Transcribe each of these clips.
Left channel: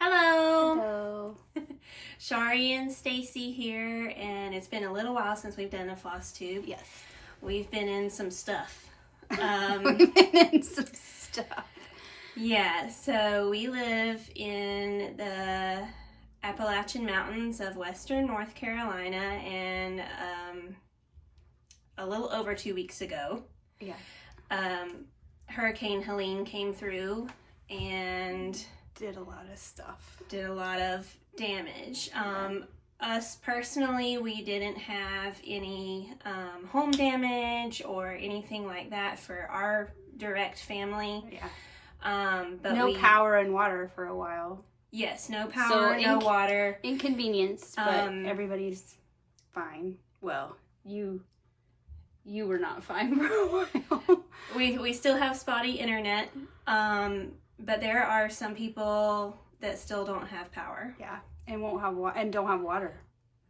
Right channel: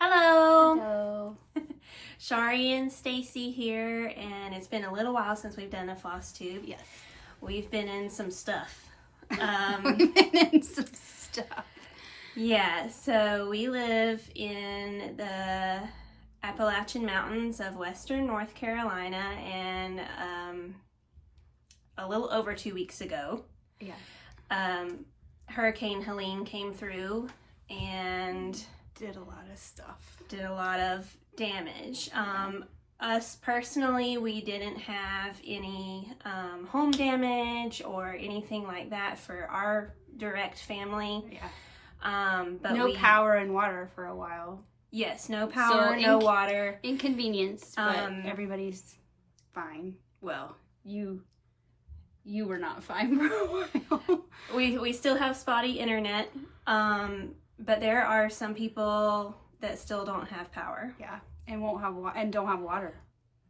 Hello. Hello. Shari and Stacy here, and it's been a little while since we've done a FlossTube. Yes. We've been in some stuff. We've been in some stuff. Yeah, so we live in the Appalachian Mountains of Western North Carolina, and a little over 2 weeks ago, Hurricane Helene came through and did a lot of stuff. Did a lot of damage. Us personally, we didn't have any home damage or anything like that for our direct family. Yeah. But no power and water for a while. Yes, no power, no water. Inconvenienced, but everybody's fine. Well, you were not fine for a while. We still have spotty internet, but there are some people that still don't have power. Yeah, and won't have and don't have water.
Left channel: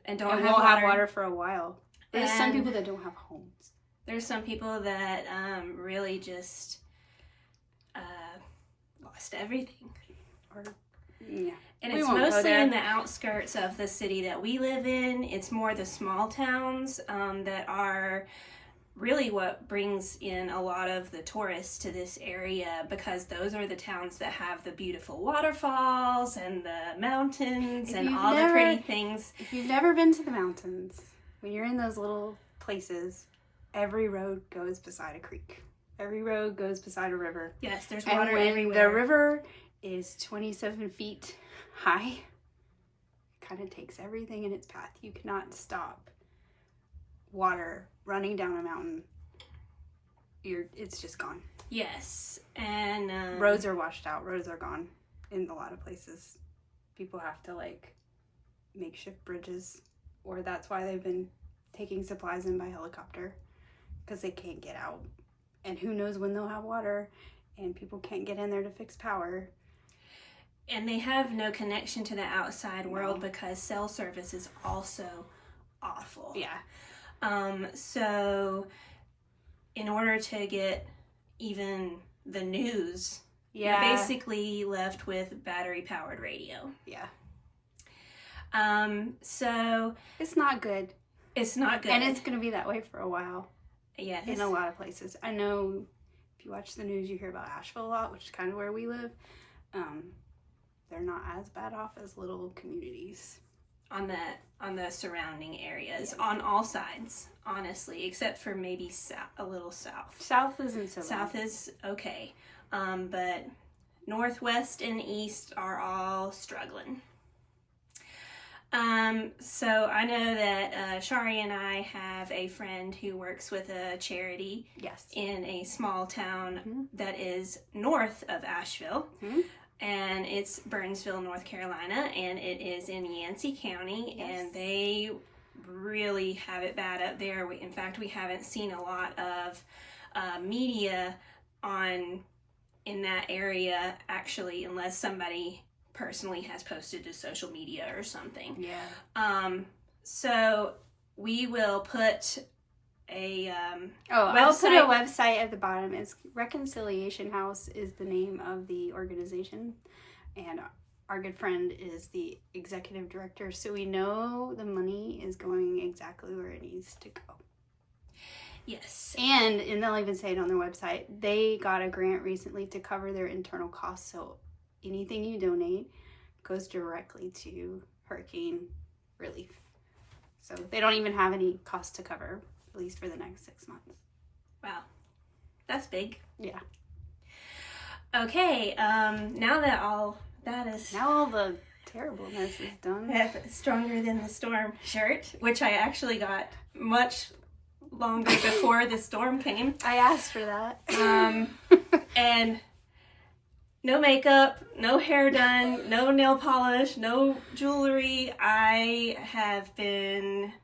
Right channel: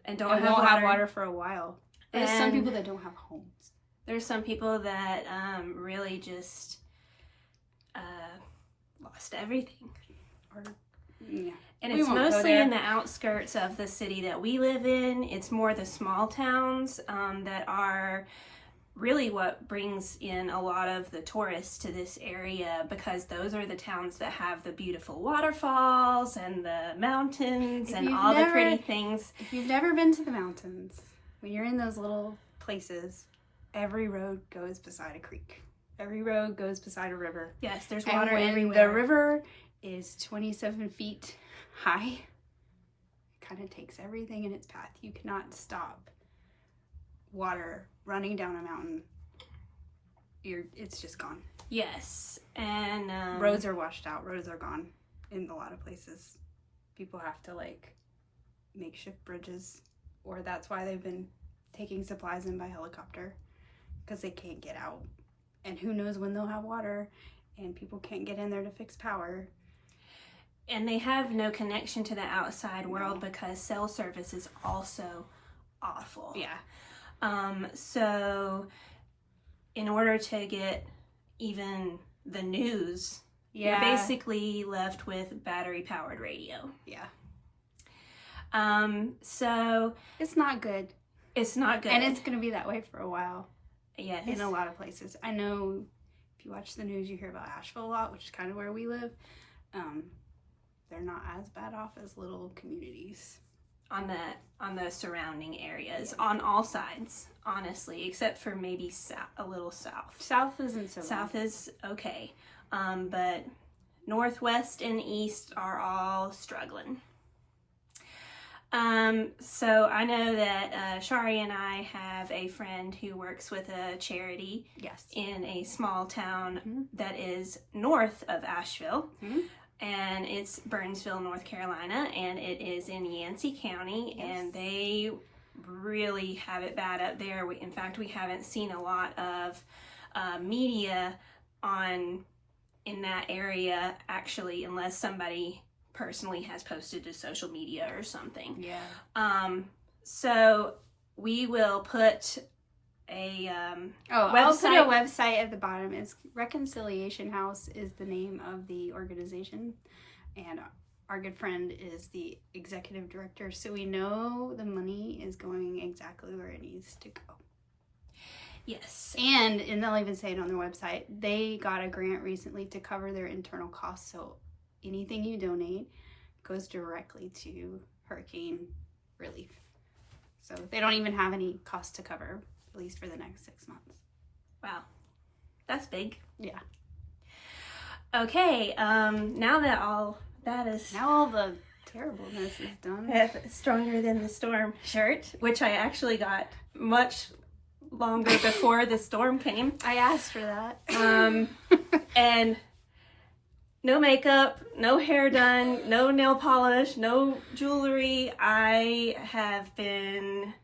And won't have water for a while. There's some people that don't have homes. There's some people that really just lost everything. Yeah. And it's mostly in the outskirts of the city that we live in. It's more the small towns that are really what brings in a lot of the tourists to this area, because those are the towns that have the beautiful waterfalls and the mountains and all the pretty things. If you've never been to the mountains, when you're in those little places, every road goes beside a creek. Every road goes beside a river. Yes, there's water everywhere. And when the river is 27 feet high, it kind of takes everything in its path. You cannot stop water running down a mountain. It's just gone. Yes, and roads are washed out. Roads are gone in a lot of places. People have to makeshift bridges, or that's why they've been taking supplies in by helicopter, because they can't get out, and who knows when they'll have water, and people can't get in there to fix power. And they have no connection to the outside world because cell service is also awful. Yeah. So in order to get even the news, you're basically left with battery powered radio. Yeah. So it's not good. It's not good. And it's going to be that way for a while. Yes. In a lot of places. I know if you watch the news, you hear about Asheville a lot, which is kind of where we live. They're not as bad off as little communities. On the surrounding areas, on all sides, honestly, except for maybe a little south. South isn't so bad. South is okay, but northwest and east are all struggling. So I know that Shari and I have a friend who works with a charity. Yes. In a small town that is north of Asheville. And it's Burnsville, North Carolina, and it is in Yancey County, and they really have it bad up there. In fact, we haven't seen a lot of media in that area, actually, unless somebody personally has posted to social media or something. Yeah. So we will put a I'll put a website at the bottom. It's Reconciliation House is the name of the organization, and our good friend is the executive director, so we know the money is going exactly where it needs to go. Yes. And they'll even say it on their website, they got a grant recently to cover their internal costs, so anything you donate goes directly to hurricane relief. So they don't even have any cost to cover, at least for the next 6 months. Wow. That's big. Yeah. Okay, now that all that is... Now all the terribleness is done. Stronger Than the Storm shirt, which I actually got much longer before the storm came. I asked for that. And no makeup, no hair done, no nail polish, no jewelry. I have been...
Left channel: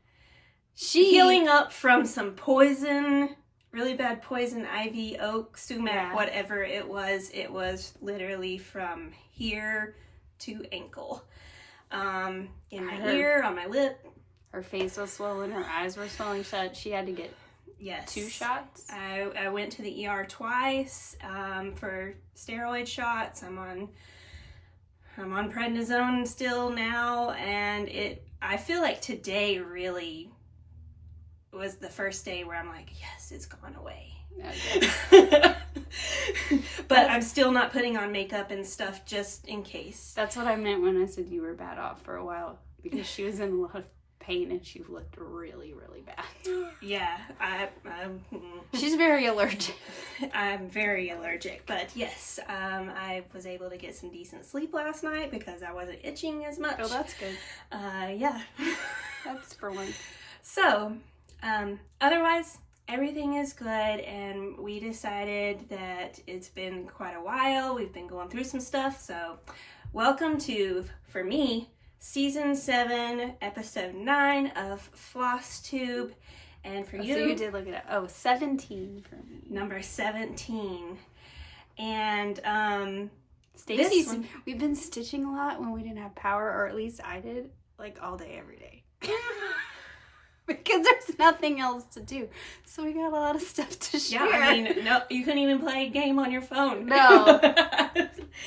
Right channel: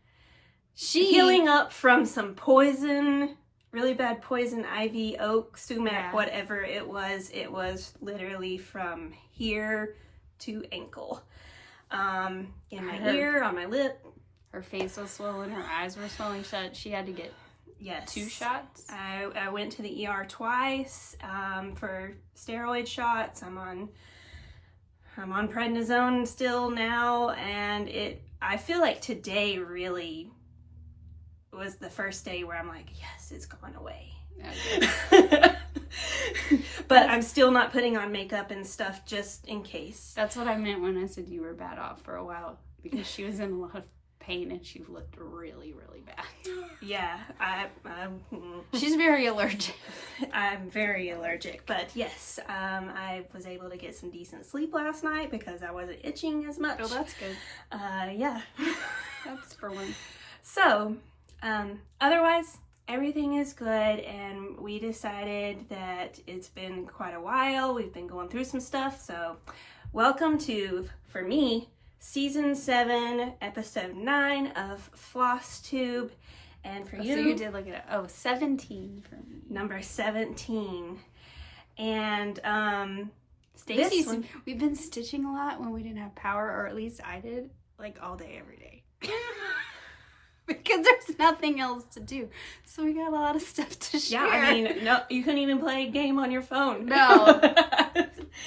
healing up from some poison, really bad poison ivy, oak, sumac, whatever it was. It was literally from here to ankle. In my ear, on my lip. Her face was swollen, her eyes were swelling shut. She had to get 2 shots. I went to the ER twice for steroid shots. I'm on I'm on prednisone still now, and I feel like today really was the first day where I'm like, yes, it's gone away. Okay. But I'm still not putting on makeup and stuff just in case. That's what I meant when I said you were bad off for a while, because she was in a lot of pain and she looked really, really bad. Yeah, she's very allergic. I'm very allergic, but yes, I was able to get some decent sleep last night because I wasn't itching as much. Oh, that's good. Yeah. That's for once. So, otherwise, everything is good, and we decided that it's been quite a while. We've been going through some stuff, so welcome to, for me, Season 7, Episode 9 of FlossTube, and for you... So you did look at it. Oh, 17 for me. Number 17. And, Stacey's, we've been stitching a lot when we didn't have power, or at least I did, like all day, every day. Because there's nothing else to do. So we got a lot of stuff to share. Yeah, I mean, no, you couldn't even play a game on your phone. No.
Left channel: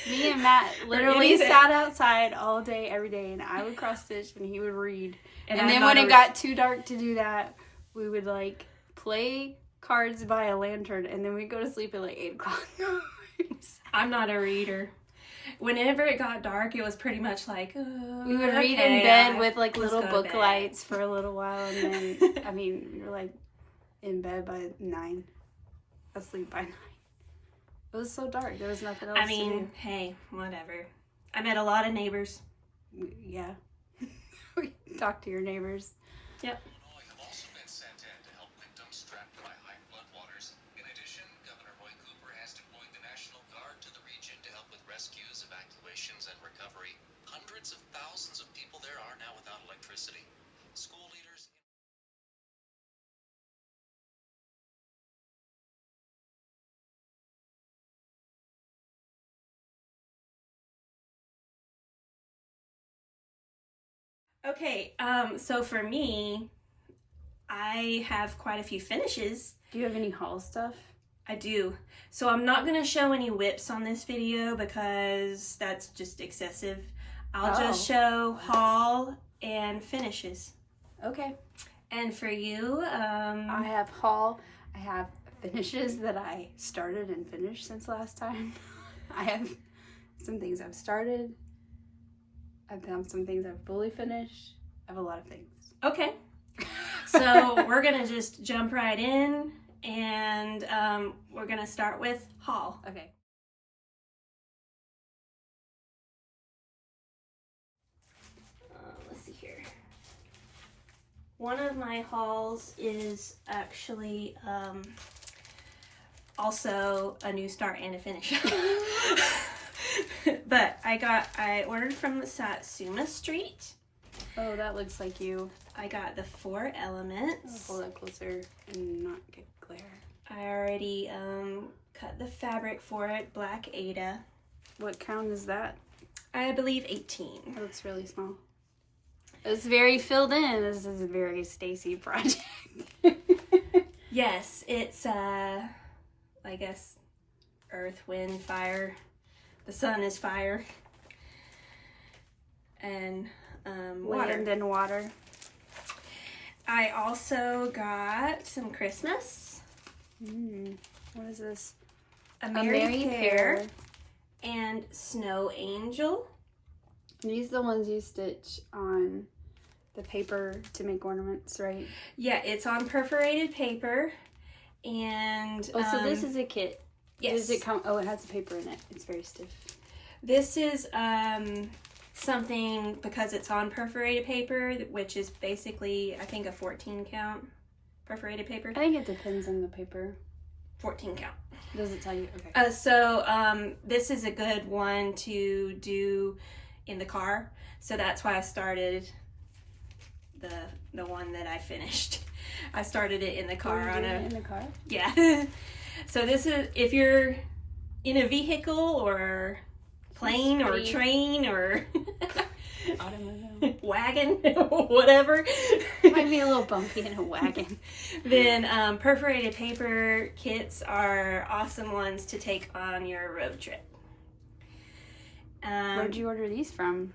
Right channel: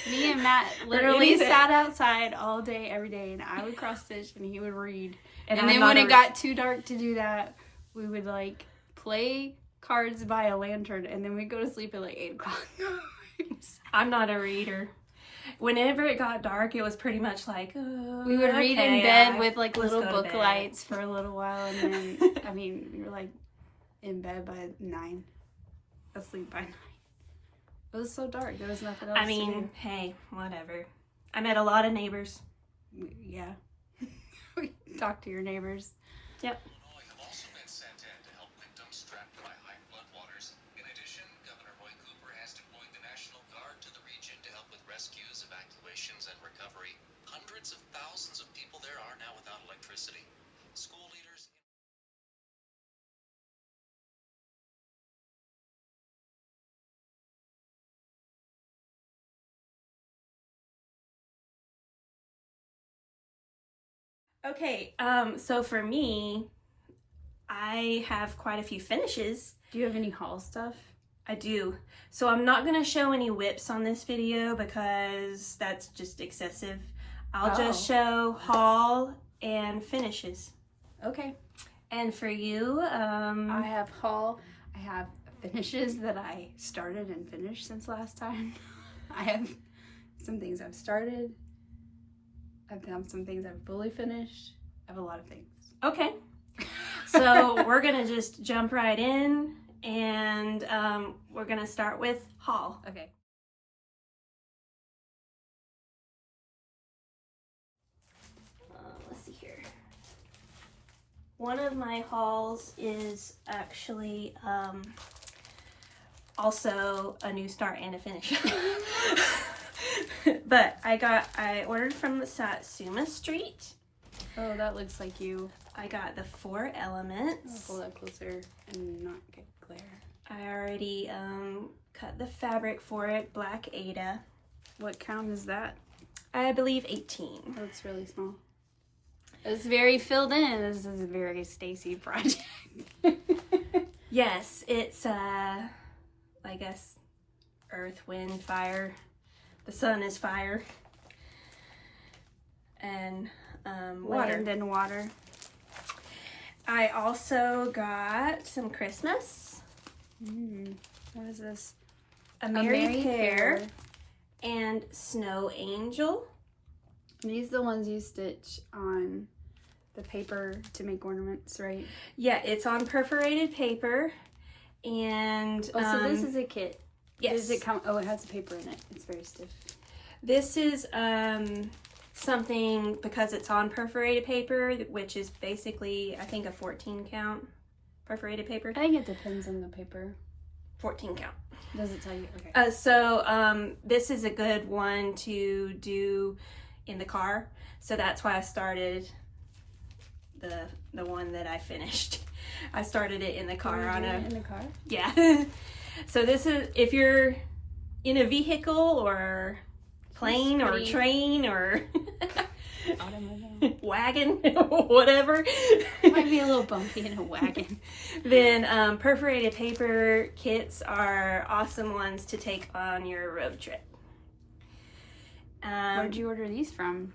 Me and Matt literally sat outside all day, every day, and I would cross stitch and he would read. And then when it got too dark to do that, we would like play cards by a lantern, and then we'd go to sleep at like 8 o'clock. I'm not a reader. Whenever it got dark, it was pretty much like, oh, we would read in bed with like little book lights for a little while, and then I mean, we were like in bed by 9, asleep by 9. It was so dark. There was nothing else to do. Hey, whatever. I met a lot of neighbors. Yeah. We talked to your neighbors. Yep. Illinois have also been sent in to help victims trapped by high floodwaters. In addition, Governor Roy Cooper has deployed the National Guard to the region to help with rescues, evacuations, and recovery. Hundreds of thousands of people there are now without electricity. School leaders... Okay, so for me, I have quite a few finishes. Do you have any haul stuff? I do. So I'm not going to show any whips on this video because that's just excessive. I'll just show haul and finishes. Okay. And for you, I have haul. I have finishes that I started and finished since last time. I have some things I've started. I've done some things I've fully finished. I have a lot of things. Okay. So we're going to just jump right in, and we're going to start with haul. Okay. Let's see here. One of my hauls is actually also a new start and a finish. But I ordered from Satsuma Street. Oh, that looks like you. I got the 4 Elements. I'll hold that closer and not get glare. I already cut the fabric for it, Black Ada. What count is that? I believe 18. That looks really small. It's very filled in. This is a very Stacy project. Yes, it's I guess earth, wind, fire. The sun is fire. And water. Land and water. I also got some Christmas. What is this? A Merry Pair and Snow Angel. These are the ones you stitch on the paper to make ornaments, right? Yeah, it's on perforated paper. And oh, so this is a kit. Yes. Does it come? Oh, it has a paper in it. It's very stiff. This is something, because it's on perforated paper, which is basically, I think, a 14 count perforated paper. I think it depends on the paper. 14 count. Does it tell you? Okay. So this is a good one to do in the car. So that's why I started the one that I finished. I started it in the car. In the car? Yeah. So this is, if you're in a vehicle or plane or train or automobile, wagon, whatever. Might be a little bumpy in a wagon. Then perforated paper kits are awesome ones to take on your road trip. Where'd you order these from?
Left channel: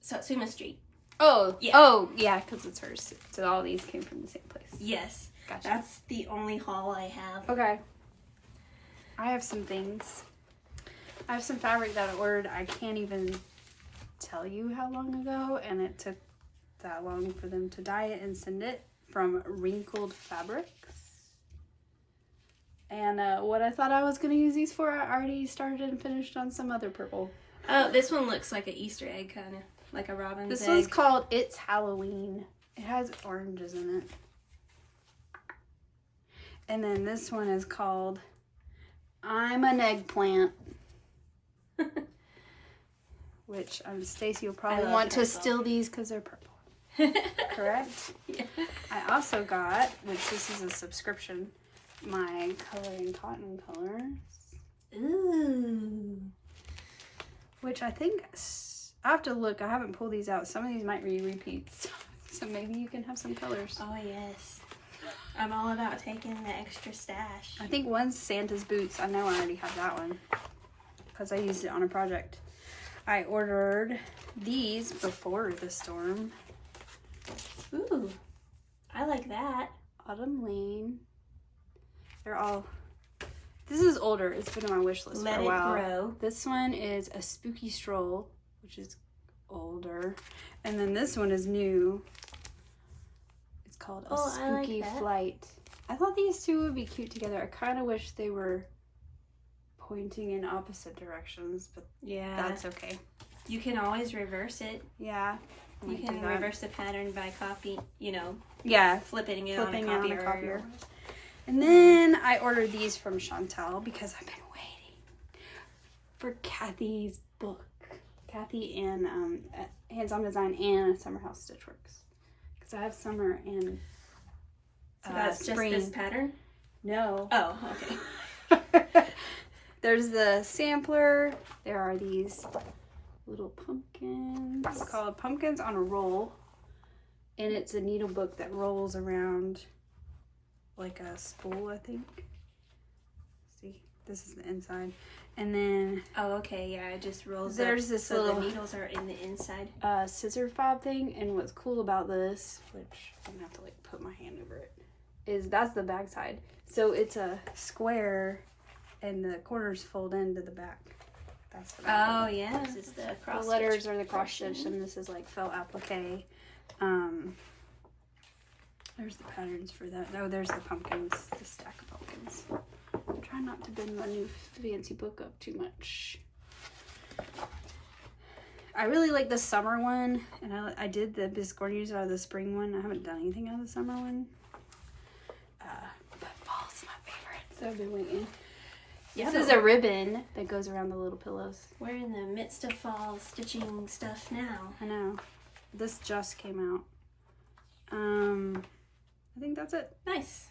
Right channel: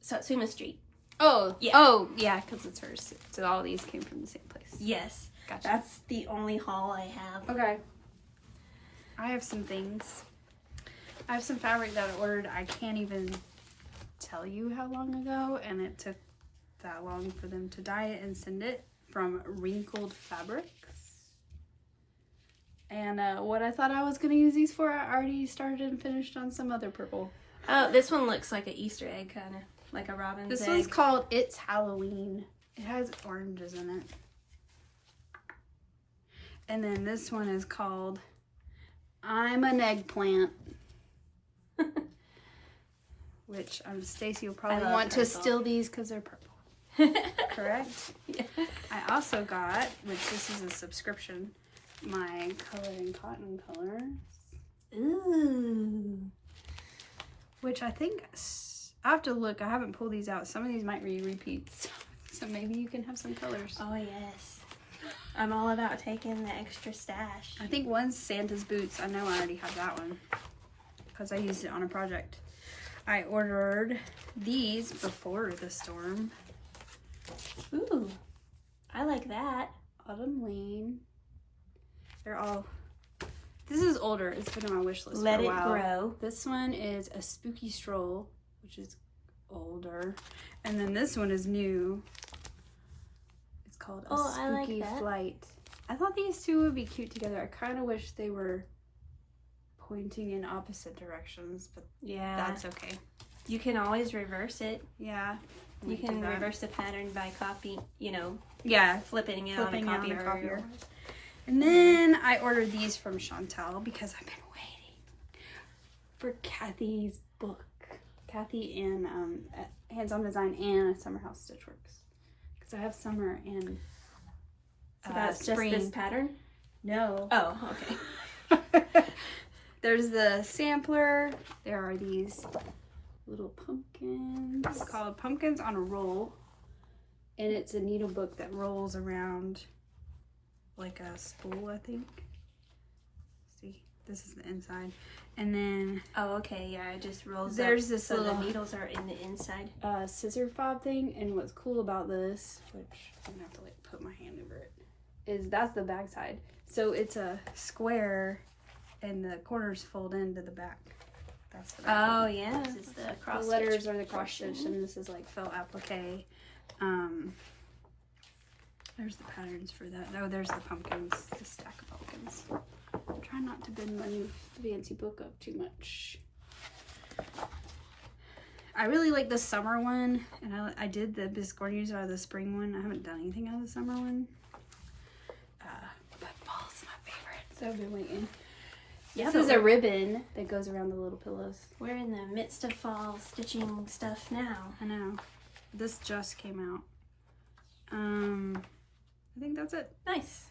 Satsuma Street. Oh, Yeah. Oh, yeah, because it's hers. So all these came from the same place. Yes. Gotcha. That's the only haul I have. Okay. I have some things. I have some fabric that I ordered. I can't even tell you how long ago, and it took that long for them to dye it and send it from Wrinkled Fabrics. And what I thought I was going to use these for, I already started and finished on some other purple. Oh, this one looks like an Easter egg, kind of. Like a robin's This egg. one's called It's Halloween. It has oranges in it. And then this one is called I'm an Eggplant. Which Stacy will probably want to steal these because they're purple. Correct? Yeah. I also got, which this is a subscription, my Coloring Cotton colors. Ooh. Which I think, I have to look. I haven't pulled these out. Some of these might be repeats. So maybe you can have some colors. Oh, yes. I'm all about taking the extra stash. I think one's Santa's Boots. I know I already have that one because I used it on a project. I ordered these before the storm. Ooh. I like that. Autumn Lane. They're all... This is older. It's been on my wish list Let for a while. it grow. This one is A Spooky Stroll, which is older. And then this one is new. It's called A Spooky Flight. I thought these two would be cute together. I kind of wish they were pointing in opposite directions, but Yeah. that's okay. You can always reverse it. Yeah. I You might can do that. reverse the pattern by copy, Yeah. flipping it Flipping on it on a a copier. copier. And then I ordered these from Chantel because I've been waiting for Kathy's book. Kathy and Hands-On Design and Summer House Stitchworks. Because I have summer and So that's spring. just this pattern? No. Oh, okay. There's the sampler. There are these little pumpkins called Pumpkins on a Roll. And it's a needle book that rolls around like a spool, I think. See, this is the inside. And then Oh, okay, yeah, it just rolls there's up, this so little the needles are in the inside. scissor fob thing. And what's cool about this, which I'm gonna have to like put my hand over it, is that's the back side. So it's a square and the corners fold into the back. That's the back. Oh, yeah, this is the cross The letters stitch are the cross stitch, portion. and this is like felt applique. There's the patterns for that. Oh, there's the pumpkins, the stack of pumpkins. I'm trying not to bend my new fancy book up too much. I really like the summer one, and I did the Biscornies out of the spring one. I haven't done anything out of the summer one. But fall's my favorite, so I've been waiting. Yeah, This is a ribbon that goes around the little pillows. We're in the midst of fall stitching stuff now. I know. This just came out. I think that's it. Nice.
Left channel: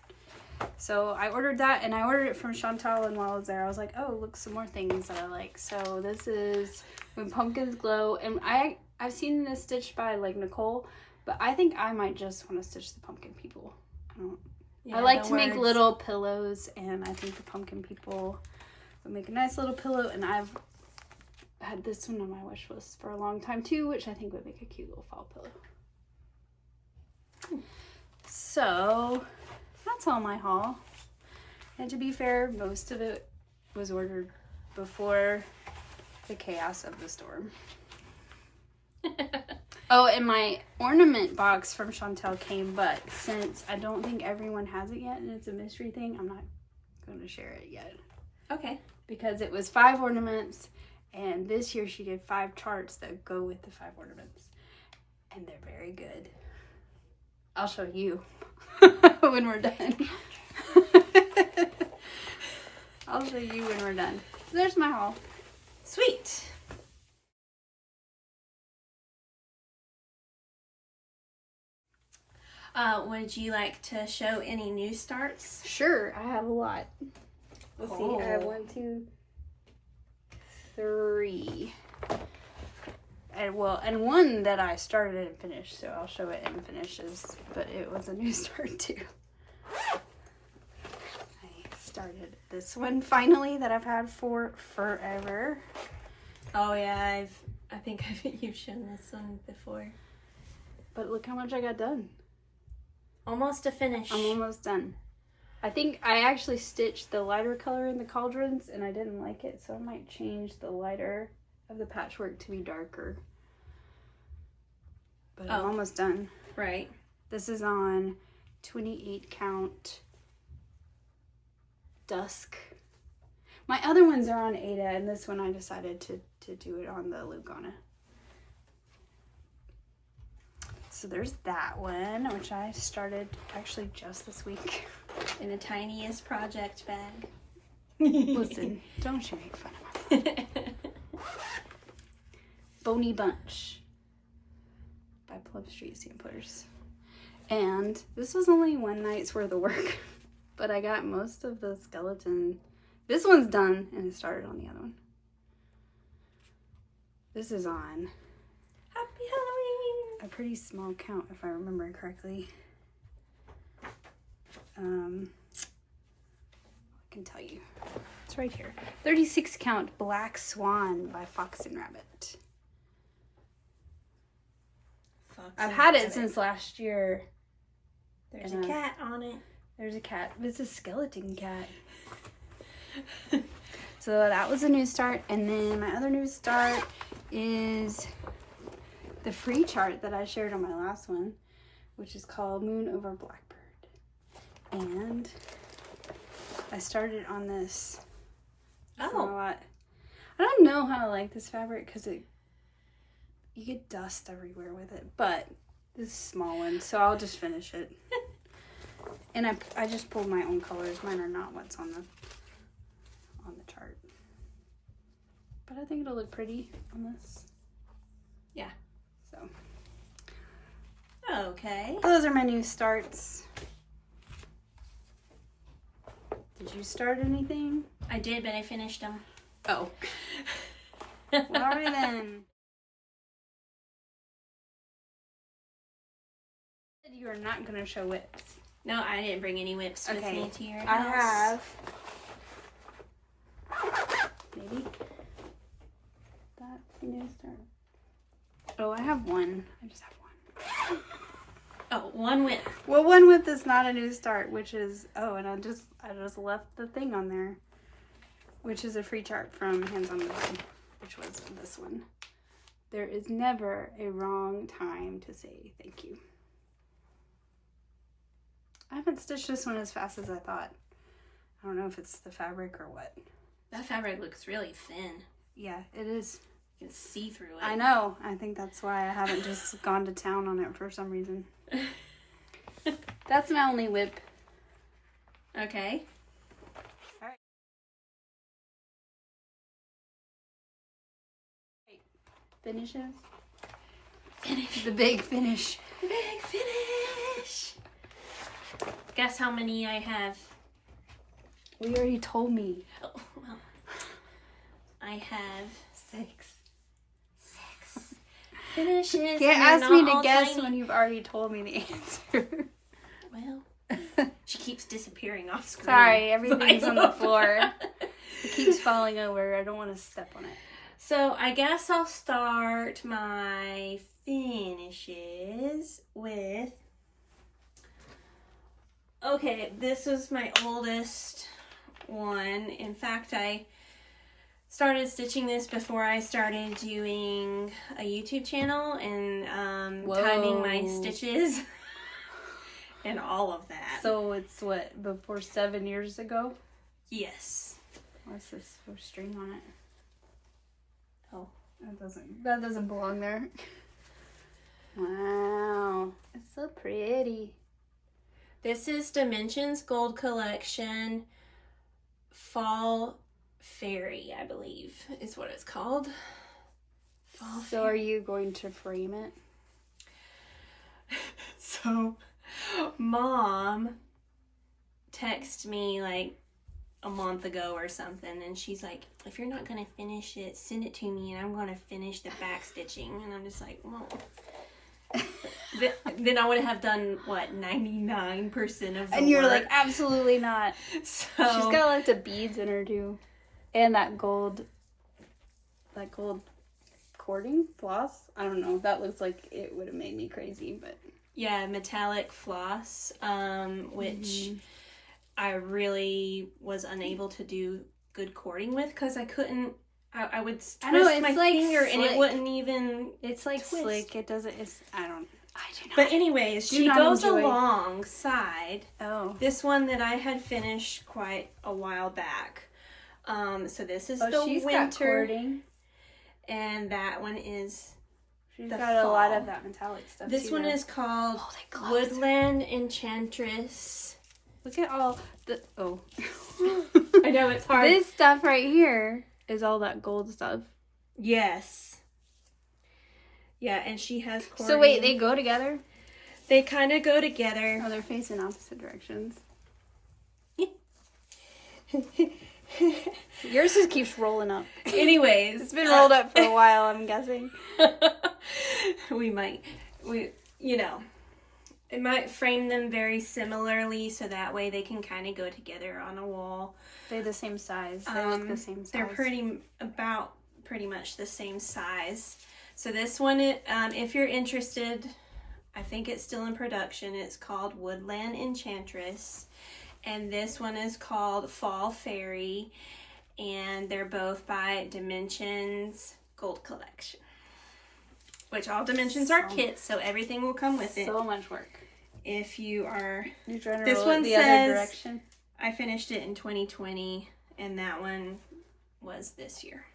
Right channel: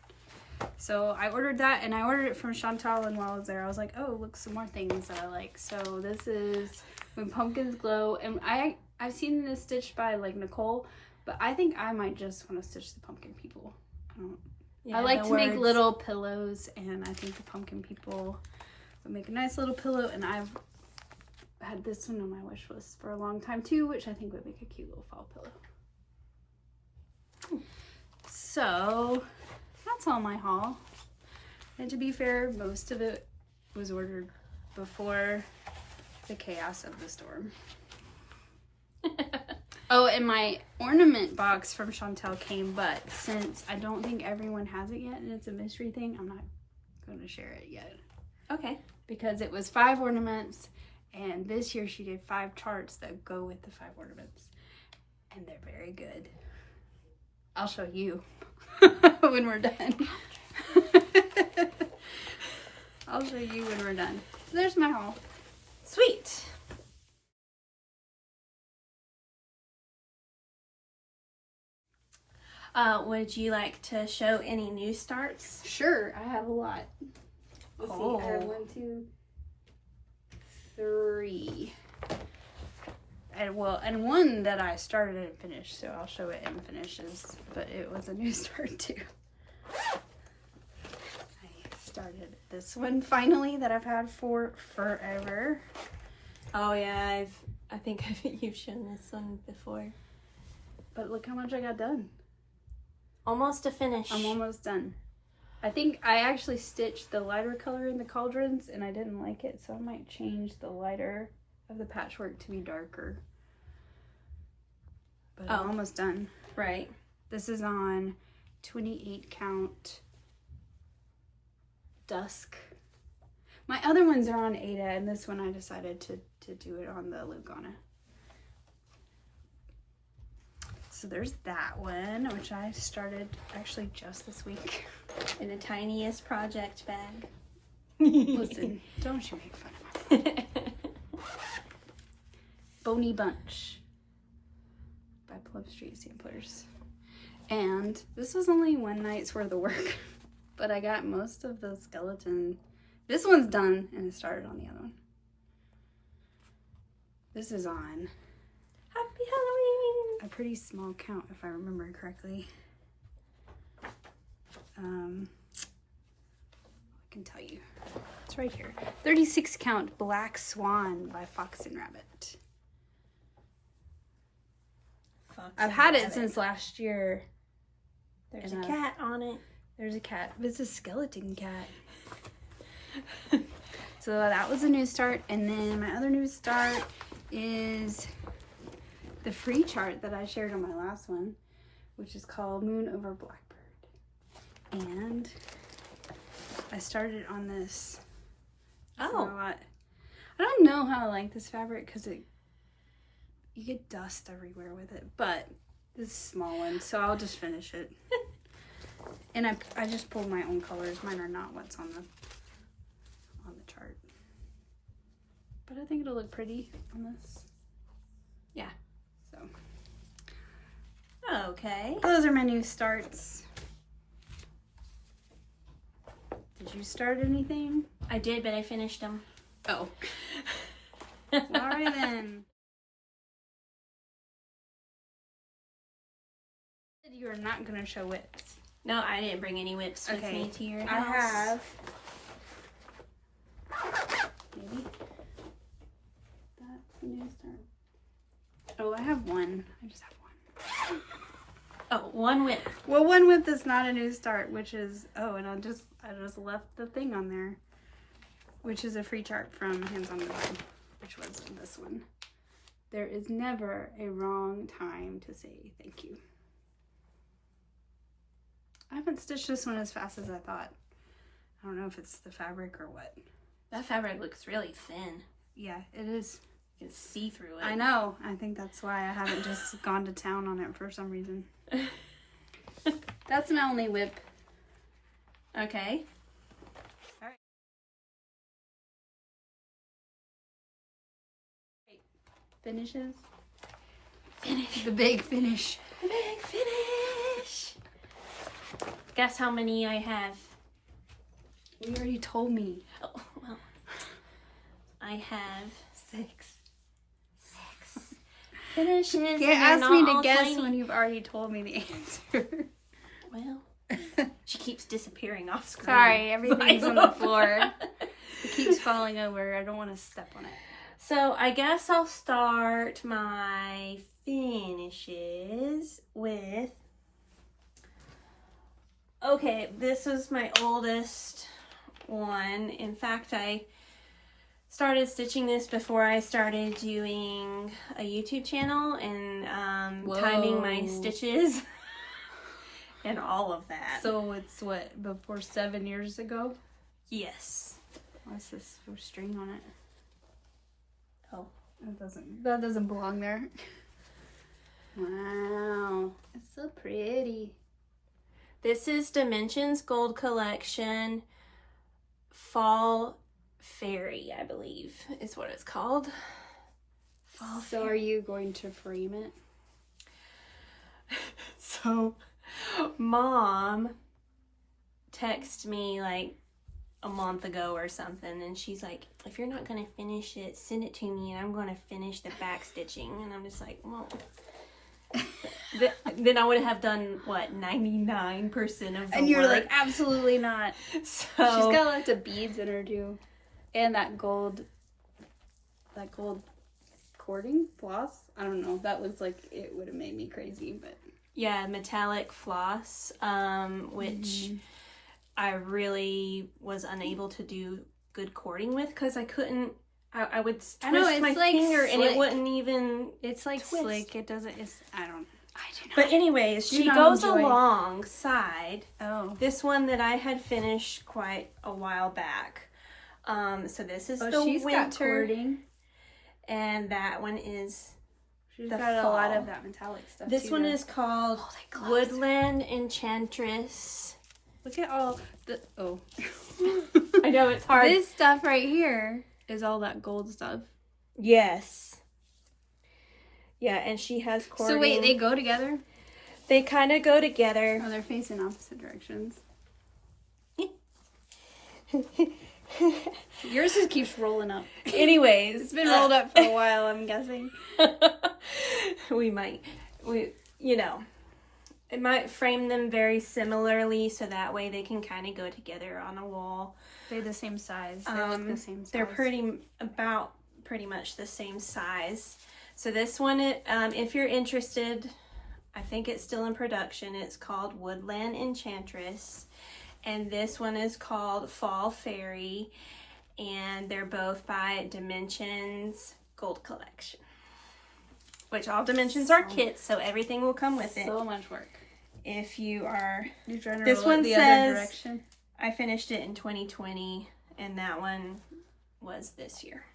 So I ordered that, and I ordered it from Chantal, and while I was there, I was like, oh, look, some more things that I like. So this is When Pumpkins Glow, and I've seen this stitched by, like, Nicole, but I think I might just want to stitch the pumpkin people. Yeah, I like the to make words. little pillows, and I think the pumpkin people would make a nice little pillow, and I've had this one on my wish list for a long time, too, which I think would make a cute little fall pillow. So that's all my haul. And to be fair, most of it was ordered before the chaos of the storm. Oh, and my ornament box from Chantel came, but since I don't think everyone has it yet and it's a mystery thing, I'm not going to share it yet. Okay. Because it was 5 ornaments, and this year she did 5 charts that go with the 5 ornaments. And they're very good. I'll show you when we're done. I'll show you when we're done. So there's my haul. Sweet. Would you like to show any new starts? Sure, I have a lot. Let's see. I have 1, 2, 3. And one that I started and finished, so I'll show it in finishes, but it was a new start too. I started this one finally that I've had for forever. Oh yeah, I think you've shown this one before. But look how much I got done. Almost a finish. I'm almost done. I think I actually stitched the lighter color in the cauldrons and I didn't like it, so I might change the lighter of the patchwork to be darker. But I'm almost done. Right. This is on 28 count dusk. My other ones are on Ada, and this one I decided to do it on the Lugana. So there's that one, which I started actually just this week. In the tiniest project bag. Listen, don't you make fun of my Bony Bunch by Plum Street Samplers. And this was only one night's worth of work, but I got most of the skeleton. This one's done, and it started on the other one. This is on Happy Halloween! a pretty small count, if I remember correctly. I can tell you. It's right here. 36 count Black Swan by Fox and Rabbit. I've had it since last year. There's a cat on it. There's a cat. It's a skeleton cat. So that was a new start. And then my other new start is the free chart that I shared on my last one, which is called Moon Over Blackbird. And I started on this. It's not a lot. I don't know how I like this fabric because you get dust everywhere with it, but this is a small one, so I'll just finish it. And I just pulled my own colors. Mine are not what's on the chart. But I think it'll look pretty on this. Yeah. So. Okay. Those are my new starts. Did you start anything? I did, but I finished them. Oh. Alright then. You are not going to show whips. No, I didn't bring any whips with me to your house. I have. Maybe. That's a new start. Oh, I have one. I just have one. Oh, one whip. Well, one whip that's not a new start, which is and I just left the thing on there, which is a free chart from Hands on the Design, which was this one. There is never a wrong time to say thank you. I haven't stitched this one as fast as I thought. I don't know if it's the fabric or what. That fabric looks really thin. Yeah, it is. You can see through it. I know. I think that's why I haven't just gone to town on it for some reason. That's my only whip. Okay. All right. Finishes. Finish. The big finish. The big finish. Guess how many I have? You already told me. Oh, well. I have 6. finishes. You can't ask me to guess when you've already told me the answer. Well, she keeps disappearing off screen. Sorry, everything's on the floor. It keeps falling over. I don't want to step on it. So I guess I'll start my finishes with... Okay, this is my oldest one. In fact, I started stitching this before I started doing a YouTube channel and timing my stitches and all of that. So it's what, before 7 years ago? Yes. What's this for string on it? Oh. That doesn't belong there. Wow. It's so pretty. This is Dimensions Gold Collection Fall Fairy, I believe is what it's called. So are you going to frame it? So Mom texted me like a month ago or something, and she's like, if you're not going to finish it, send it to me and I'm going to finish the back stitching. And I'm just like, well... then I would have done what, 99% of the And you're work. like, absolutely not. So She's got lots of beads in her too, and that gold that gold cording floss. I don't know. That looks like it would have made me crazy, but Yeah, metallic floss, which I really was unable to do good cording with because I couldn't. I would twist my finger and it wouldn't even. It's like twist. slick. It doesn't. I do not. But anyways, do she not goes enjoy- alongside Oh. this one that I had finished quite a while back. So this is the she's winter, got cording. and that one is. She's the got a lot fall. of that metallic stuff. This too, one though. is called they glow. Woodland Enchantress. Look at all the. Oh. I know it's hard. This stuff right here is all that gold stuff. Yes. Yeah, and she has cording. So wait, they go together? They kind of go together. Oh, they're facing opposite directions. Yours just keeps rolling up. Anyways, It's been rolled up for a while, I'm guessing. it might frame them very similarly so that way they can kind of go together on a wall. They're the same size. They look the same size. They're pretty much the same size. So this one, if you're interested, I think it's still in production. It's called Woodland Enchantress. And this one is called Fall Fairy. And they're both by Dimensions Gold Collection. Which all Dimensions are kits, so everything will come with it. So much work. If you are... You're trying to This roll one it the says- other direction. I finished it in 2020, and that one was this year.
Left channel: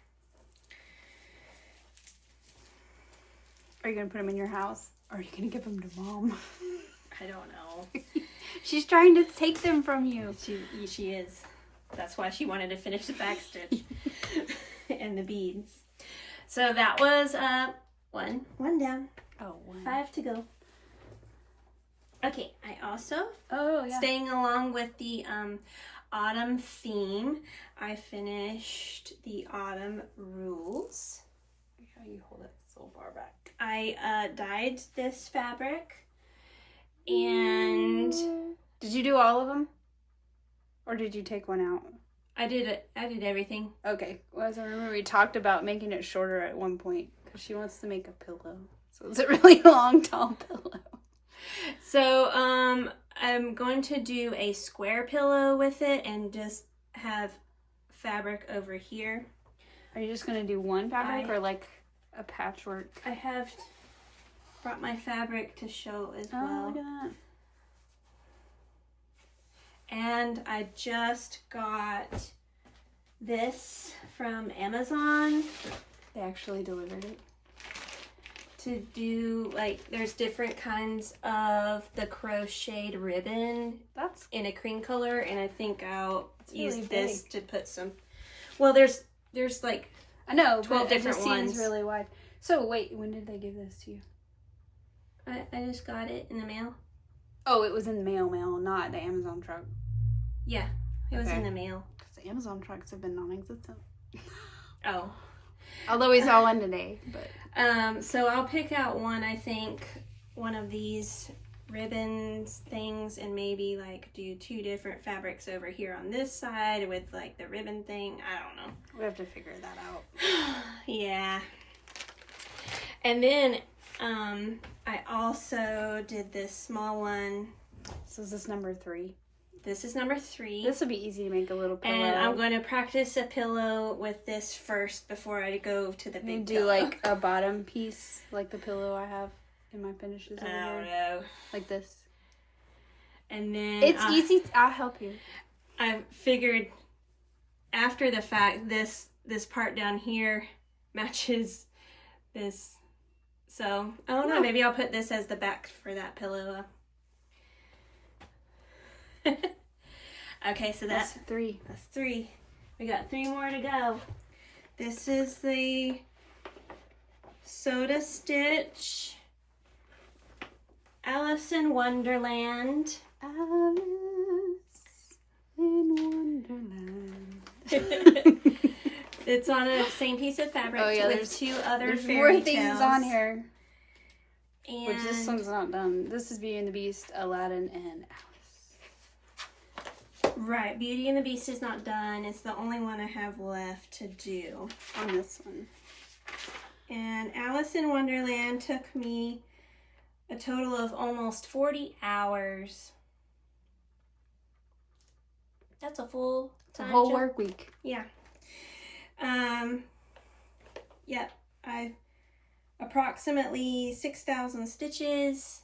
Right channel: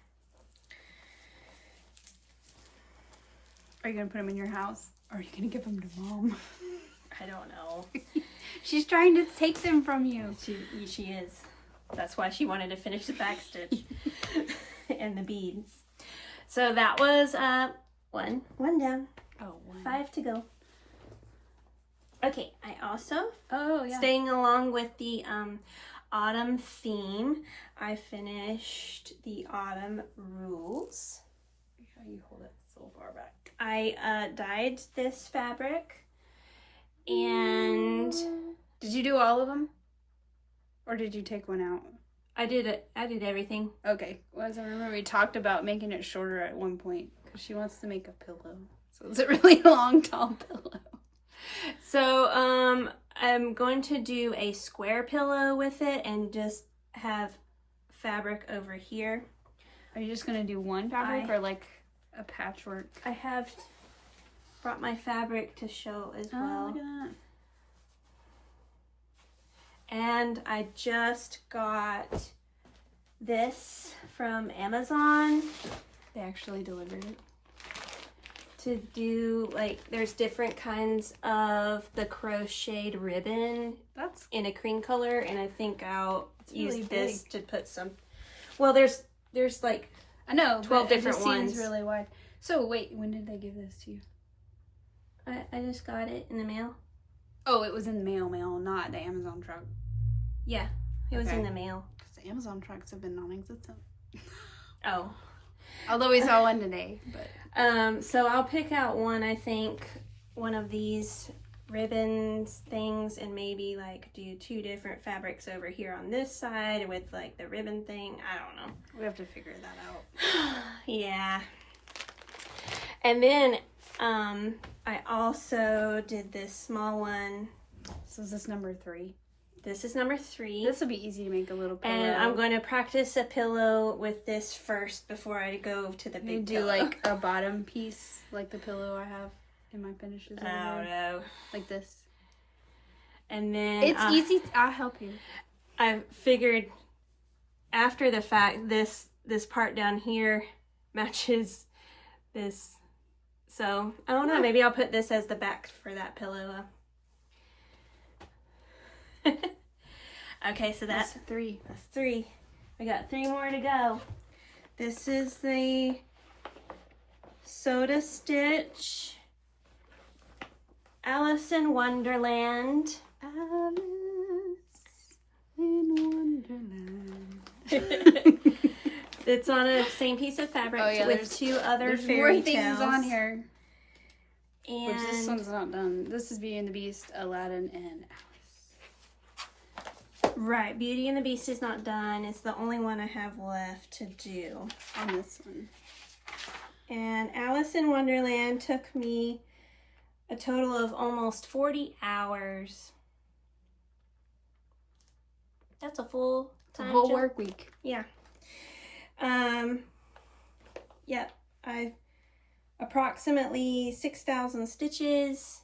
Are you going to put them in your house? Or are you going to give them to Mom? I don't know. She's trying to take them from you. She is. That's why she wanted to finish the backstitch and the beads. So that was one down. Oh, one. 5 to go. Okay, I also, Oh, yeah. staying along with the autumn theme, I finished the autumn rules. How you hold it so far back. I dyed this fabric, and Did you do all of them? Or did you take one out? I did everything. Okay. Well, as I remember, we talked about making it shorter at one point because she wants to make a pillow. So it's a really long, tall pillow. So I'm going to do a square pillow with it and just have fabric over here. Are you just going to do one fabric or like a patchwork? I have brought my fabric to show as Oh, well. look at that. And I just got this from Amazon They actually delivered it. to do, like, there's different kinds of the crocheted ribbon That's in a cream color, and I think I'll use really this big. to put some, well, there's like, I know, 12 but it different just seems ones. really wide. So wait, when did they give this to you? I just got it in the mail. Oh, it was in the mail, not the Amazon truck. Yeah, it was Okay. in the mail. Because the Amazon trucks have been non-existent. Oh. Although we saw one today, but So I'll pick out one, I think, one of these ribbons things, and maybe like do 2 different fabrics over here on this side with like the ribbon thing. I don't know. we have to figure that out. Yeah. And then I also did this small one. So is this number 3? This is number 3. This would be easy to make a little pillow. And I'm going to practice a pillow with this first before I go to the You big do pillow. like a bottom piece, like the pillow I have in my finishes over I don't here. know. Like this. And then It's easy. I'll help you. I figured after the fact this part down here matches this. So, I don't know. Maybe I'll put this as the back for that pillow. Okay, so That's 3. that's 3. We got 3 more to go. This is the Soda Stitch Alice in Wonderland. Alice in Wonderland. It's on the same piece of fabric Oh, yeah, with there's- 2 other There's fairy more things tales. on here. And Which this one's not done. This is Beauty and the Beast, Aladdin, and Alice. Right, Beauty and the Beast is not done. It's the only one I have left to do. On this one. And Alice in Wonderland took me a total of almost 40 hours. That's a full It's a time whole job. work week. Yeah. Yep. I've approximately 6,000 stitches.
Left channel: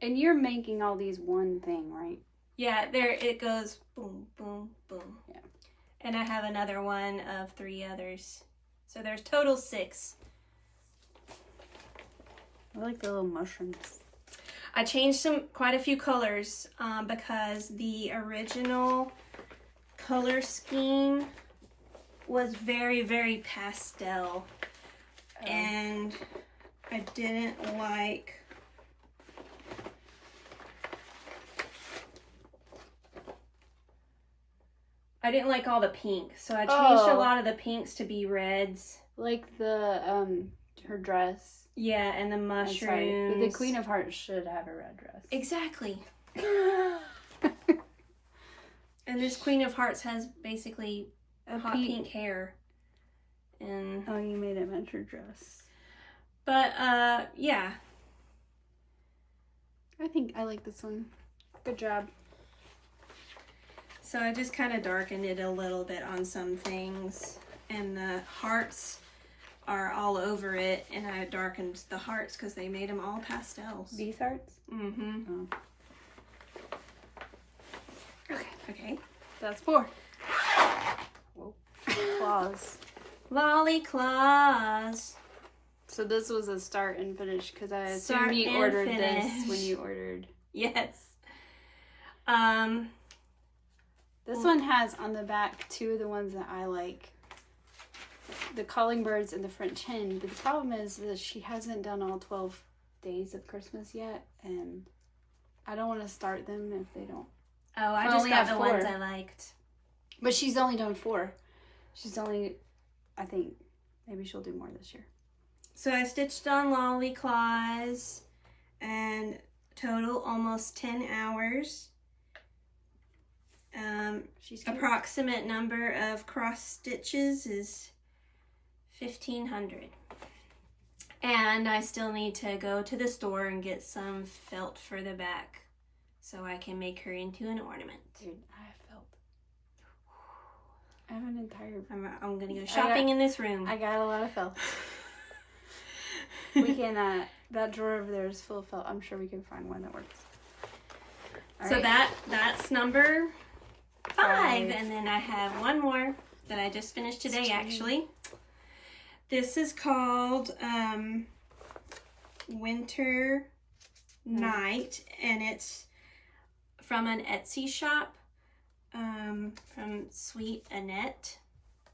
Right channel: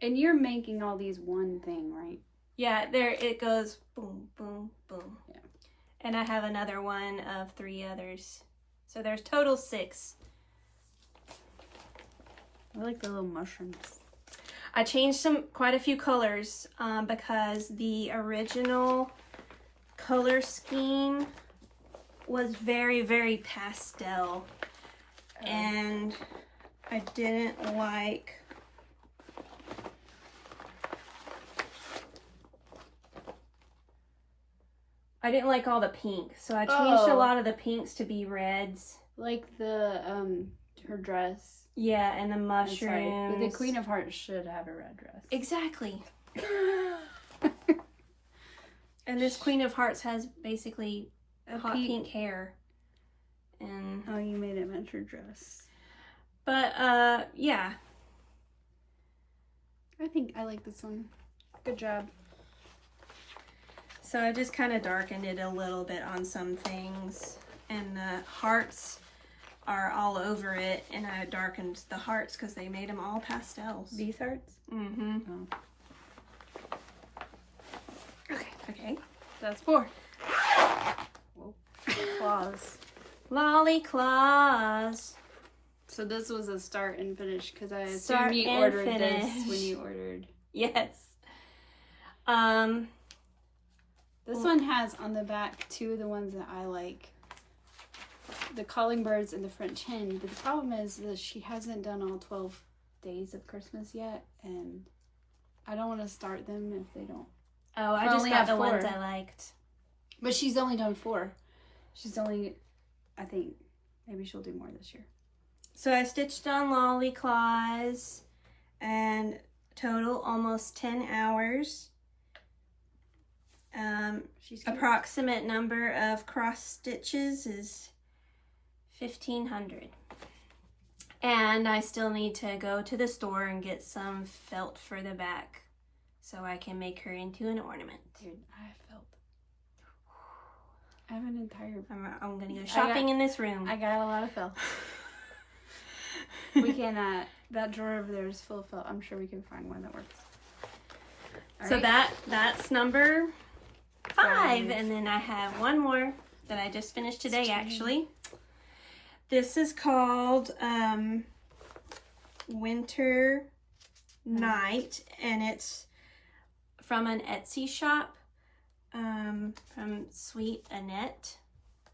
And you're making all these one thing, right? Yeah, there it goes. Boom, boom, boom. Yeah. And I have another one of 3 others. So there's total 6. I like the little mushrooms. I changed quite a few colors because the original color scheme was very, very pastel. Oh. And I didn't like all the pink, so I changed a lot of the pinks to be reds. Like the her dress. Yeah, and the I'm mushrooms. sorry, but the Queen of Hearts should have a red dress. Exactly. And this Queen of Hearts has basically hot pink hair. And oh, you made it match her dress. but yeah. I think I like this one. Good job. So I just kind of darkened it a little bit on some things, and the hearts are all over it, and I darkened the hearts because they made them all pastels. These hearts? Mm-hmm. Oh. Okay. That's 4. Whoa. Claws. Lolly claws. So this was a start and finish because I Start assume you and ordered finish. this when you ordered. Yes. This one has on the back 2 of the ones that I like. The calling birds and the French hen. But the problem is that she hasn't done all 12 days of Christmas yet, and I don't want to start them if they don't. Oh, I I just only got have the 4. ones I liked. But she's only done 4. She's only, I think, maybe she'll do more this year. So I stitched on Lolly claws, and total almost 10 hours. She's cute. Approximate number of cross stitches is 1,500. And I still need to go to the store and get some felt for the back so I can make her into an ornament. Dude, I have felt. I have an entire... I'm gonna go shopping in this room. I got a lot of felt. We can, that drawer over there is full of felt. I'm sure we can find one that works. All so right. that's number 5. 5. And then I have one more that I just finished today, actually. This is called Winter Night, and it's from an Etsy shop from Sweet Annette.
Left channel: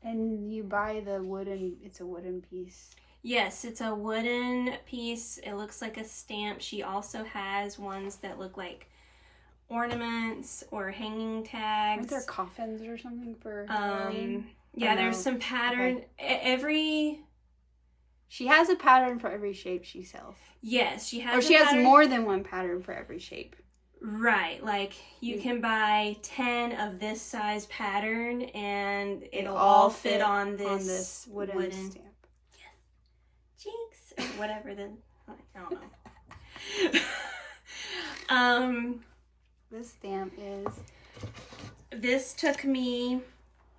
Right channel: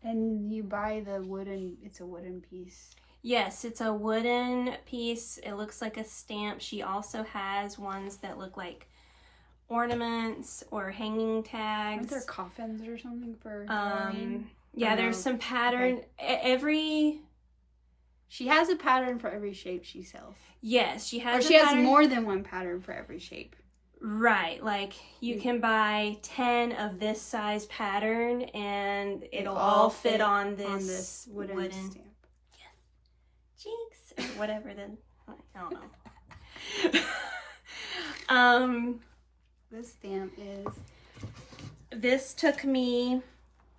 And you buy the wooden, it's a wooden piece. Yes, it's a wooden piece. It looks like a stamp. She also has ones that look like ornaments or hanging tags. Aren't there coffins or something for Halloween? Yeah, there's some pattern. Okay. She has a pattern for every shape she sells. Yes, she has. Or she has more than one pattern for every shape. Right, like you can buy 10 of this size pattern, and it'll all fit on this wooden stamp. Jinx, or whatever. Then I don't know. This stamp is. This took me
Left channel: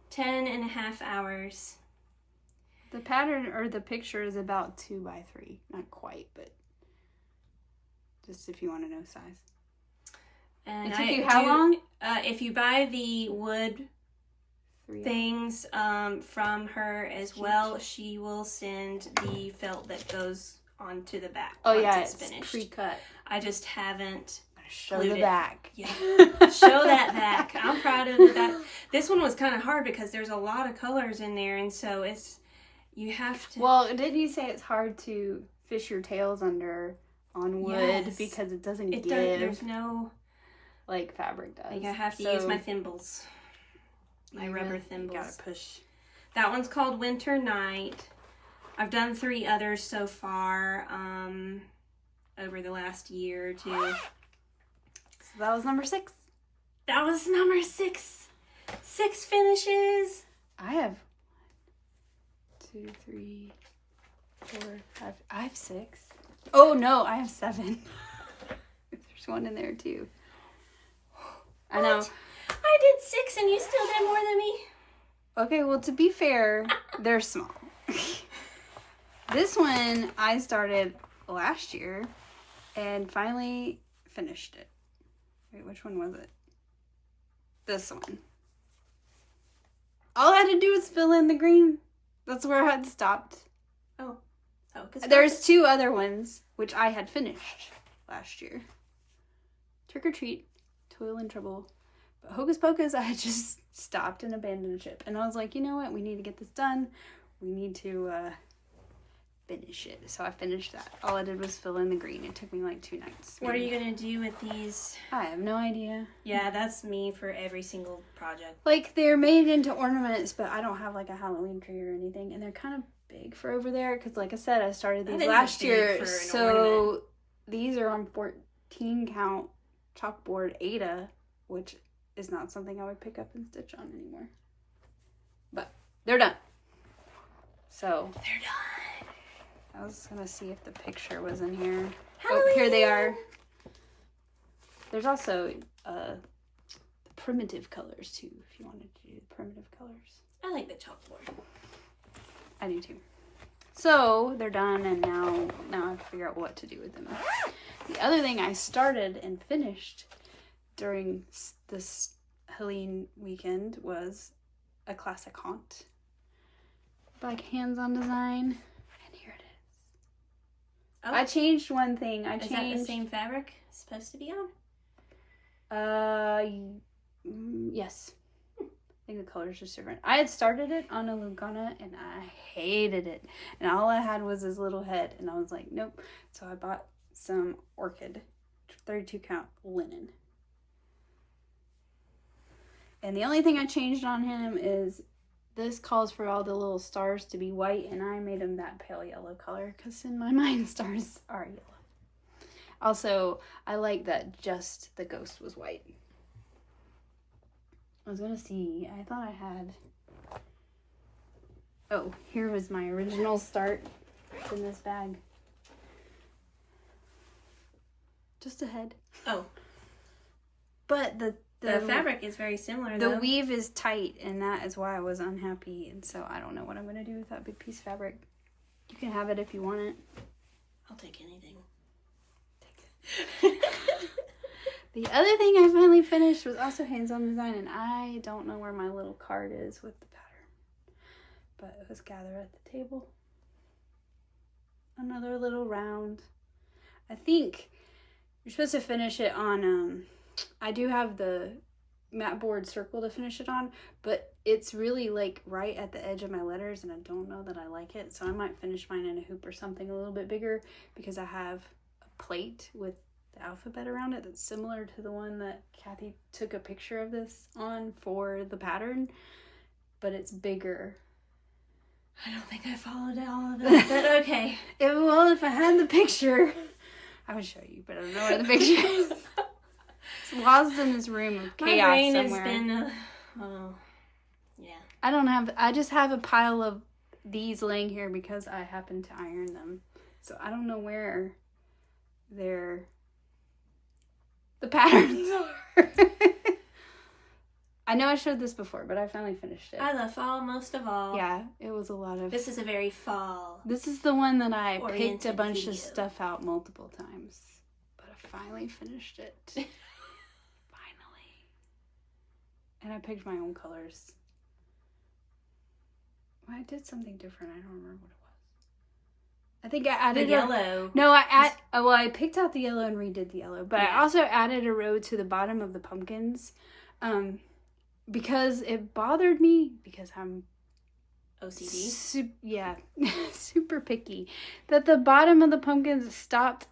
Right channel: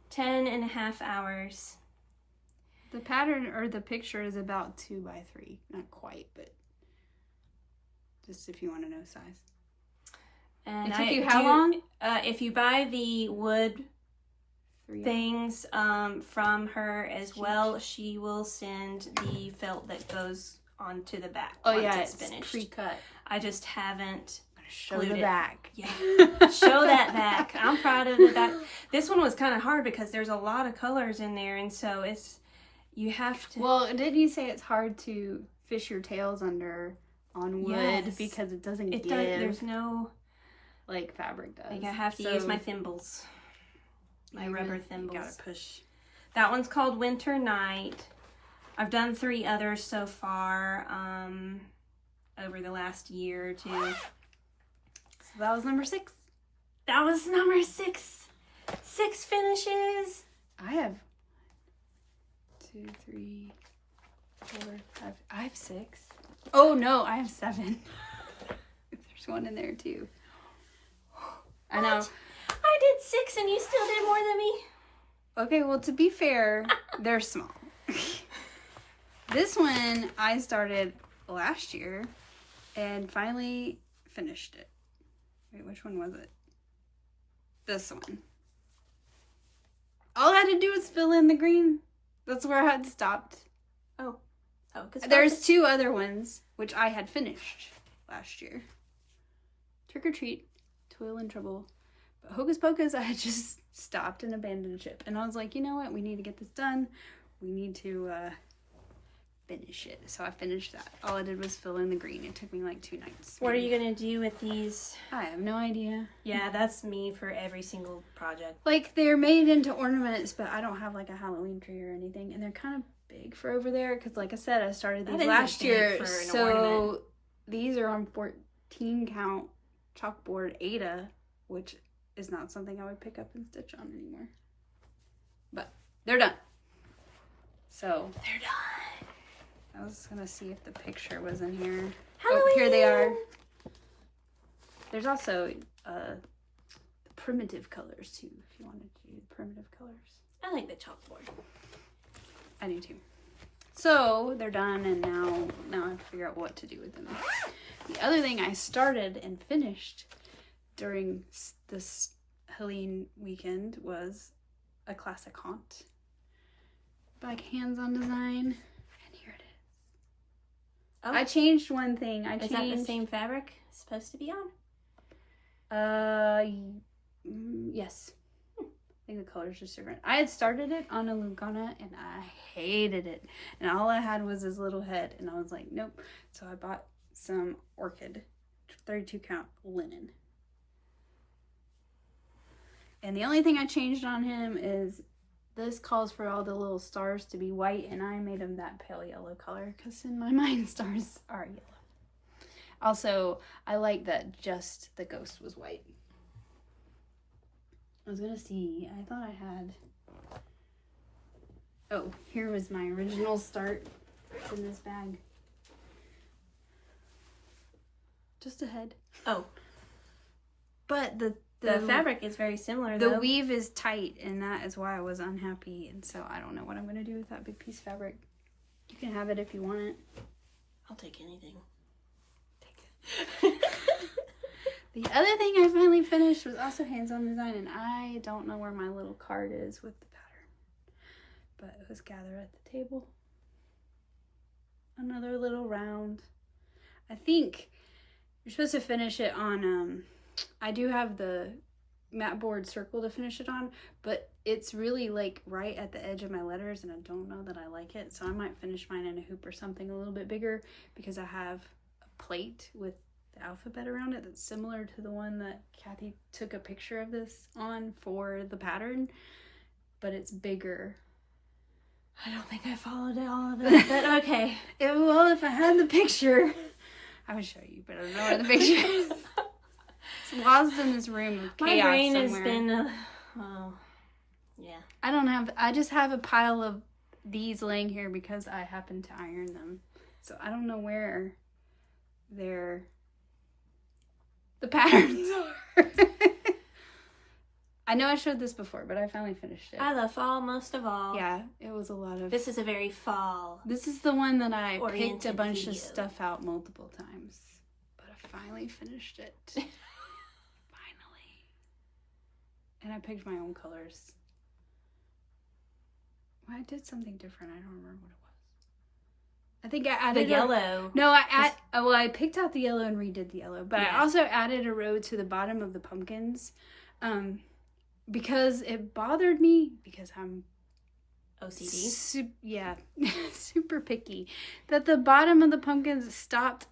10 and a half hours. The pattern or the picture is about 2 by 3. Not quite, but just if you want to know size. And it took you how long? If you buy the wood things from her as well, she will send the felt that goes onto the back. Oh once yeah, it's it's finished. Pre-cut. I just haven't. Show the back. Yeah, show that back. I'm proud of the back. This one was kind of hard because there's a lot of colors in there, and so you have to. Well, didn't you say it's hard to fish your tails under on wood because it doesn't give? There's no. Like fabric does. Like I have to use my thimbles. My rubber thimbles. You gotta push. That one's called Winter Night. I've done 3 others so far over the last year or 2. So that was number 6. That was number 6. 6 finishes. I have 2, 2, 3, 4, 5. I have 6. Oh no, I have 7. There's one in there too. I know. What? I did 6 and you still did more than me. Okay, well, to be fair, they're small. This one I started last year and finally finished it. Wait, which one was it? This one. All I had to do was fill in the green. That's where I had stopped. Oh, because There's 2 other ones, which I had finished last year. Trick or Treat, Toil and Trouble. But Hocus Pocus, I had just stopped and abandoned ship. And I was like, you know what? We need to get this done. We need to finish it. So I finished that. All I did was fill in the green. It took me like 2 nights. What are you going to do with these? I have no idea. Yeah, that's me for every single project. Like, they're made into ornaments, but I don't have like a Halloween tree or anything. And they're kind of big for over there. Because like I said, I started these last year. So these are on 14 count chalkboard Ada, which is not something I would pick up and stitch on anymore. But they're done. So They're done. I was gonna see if the picture was in here. Halloween. Oh, here they are. There's also the primitive colors too, if you wanted to do primitive colors. I like the chalkboard. I do too. So they're done, and now I have to figure out what to do with them. The other thing I started and finished during this Helene weekend was a classic haunt by Hands-On Design, and here it is. Oh, I changed one thing. is that the same fabric it's supposed to be on? Yes. I think the color's just different. I had started it on a Lugana and I hated it. And all I had was this little head. And I was like, nope. So I bought some Orchid 32 count linen. And the only thing I changed on him is this calls for all the little stars to be white. And I made them that pale yellow color because in my mind stars are yellow. Also, I like that just the ghost was white. I was gonna see, I thought I had, oh, here was my original start. It's in this bag. Just a head. Oh. But the fabric is very similar, the though. weave is tight, and that is why I was unhappy, and so I don't know what I'm gonna do with that big piece of fabric. You can have it if you want it. I'll take anything. The other thing I finally finished was also Hands-On Design, and I don't know where my little card is with the pattern. But it was Gather at the Table. Another little round. I think you're supposed to finish it on, I do have the mat board circle to finish it on, but it's really like right at the edge of my letters, and I don't know that I like it. So I might finish mine in a hoop or something a little bit bigger, because I have a plate with the alphabet around it that's similar to the one that Kathy took a picture of this on for the pattern, but it's bigger. I don't think I followed all of it, but okay. Well, if I had the picture, I would show you, but I don't know where the picture is. It's lost in this room of chaos My brain somewhere. has been, yeah. I just have a pile of these laying here because I happen to iron them. So I don't know where the patterns are. I know I showed this before, but I finally finished it. I love fall most of all. Yeah, it was a lot of... This is a very fall. This is the one that I picked a oriented bunch video. of stuff out multiple times. But I finally finished it. Finally. And I picked my own colors. Well, I did something different. I don't remember what it was. I think I The added yellow. No, I picked out the yellow and redid the yellow, but Yeah. I also added a row to the bottom of the pumpkins, because it bothered me because I'm OCD. super picky, that the bottom of the pumpkins stopped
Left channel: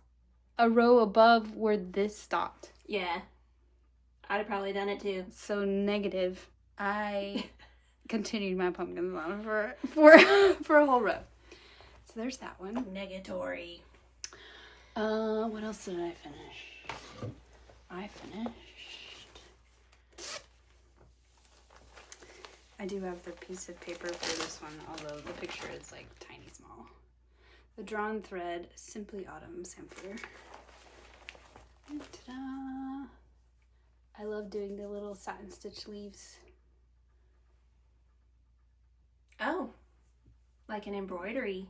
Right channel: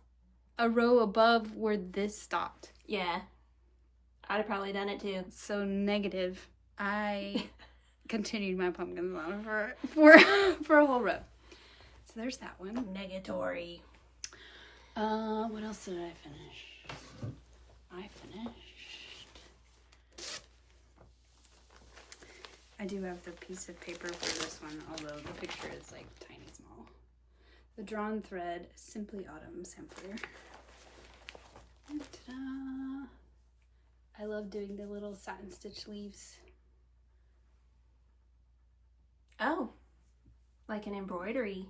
a row above where this stopped. Yeah. I'd have probably done it too. So negative. I continued my pumpkins on for a whole row. So there's that one. Negatory. What else did I finish? I finished I do have the piece of paper for this one, although the picture is like tiny small. The Drawn Thread Simply Autumn Sampler. And ta-da! I love doing the little satin stitch leaves. Oh, like an embroidery.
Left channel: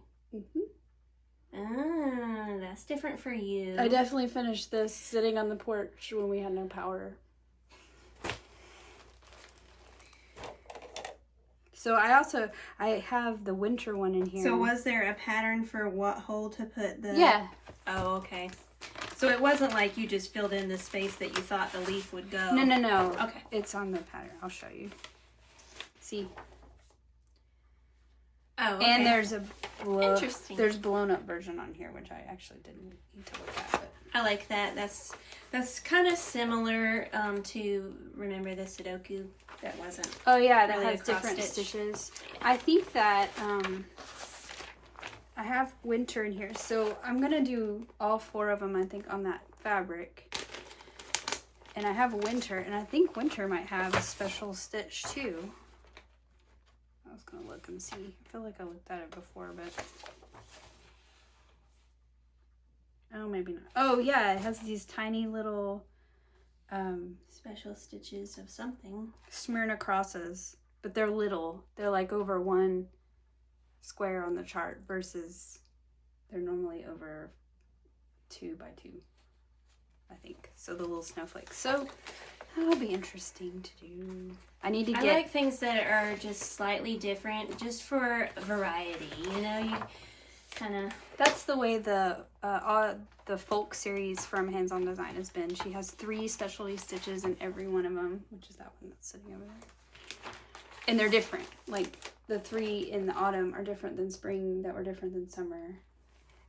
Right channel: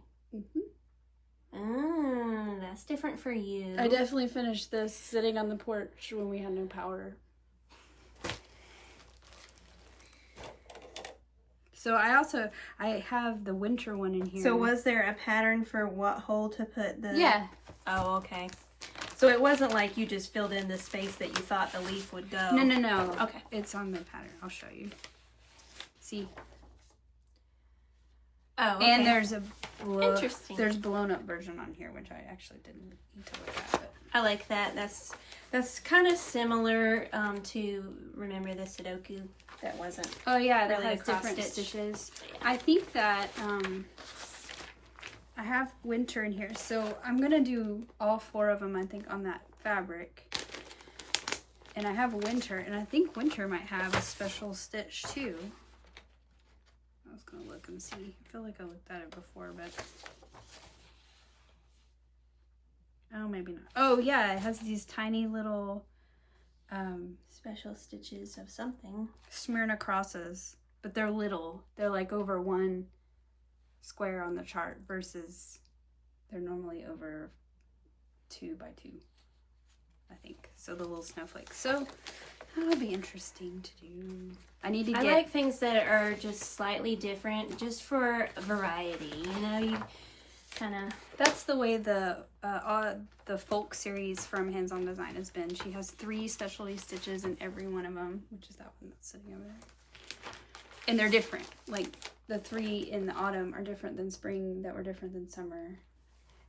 That's different for you. I definitely finished this sitting on the porch when we had no power. So I have the winter one in here. So was there a pattern for what hole to put the... Yeah. Oh, okay. So it wasn't like you just filled in the space that you thought the leaf would go. No. Okay. It's on the pattern. I'll show you. See? Oh, okay. And there's a blown up version on here, which I actually didn't need to look at. But I like that. That's kind of similar to, remember the Sudoku? That wasn't. oh yeah, that really has a cross different stitch. stitches. I think that I have winter in here, so I'm gonna do all 4 of them. I think on that fabric, and I have winter, and I think winter might have a special stitch too. I was gonna look and see. I feel like I looked at it before, but oh, maybe not. Oh yeah, it has these tiny little Special stitches of something. Smyrna crosses, but they're little. They're like over 1 square on the chart versus they're normally over 2 by 2, I think. So the little snowflakes. So that'll be interesting to do. I need to get... I like things that are just slightly different, just for variety. You know, you kind of... That's the way the folk series from Hands On Design has been. She has 3 specialty stitches in every one of them, which is that one that's sitting over there. And they're different. Like the 3 in the autumn are different than spring, that were different than summer.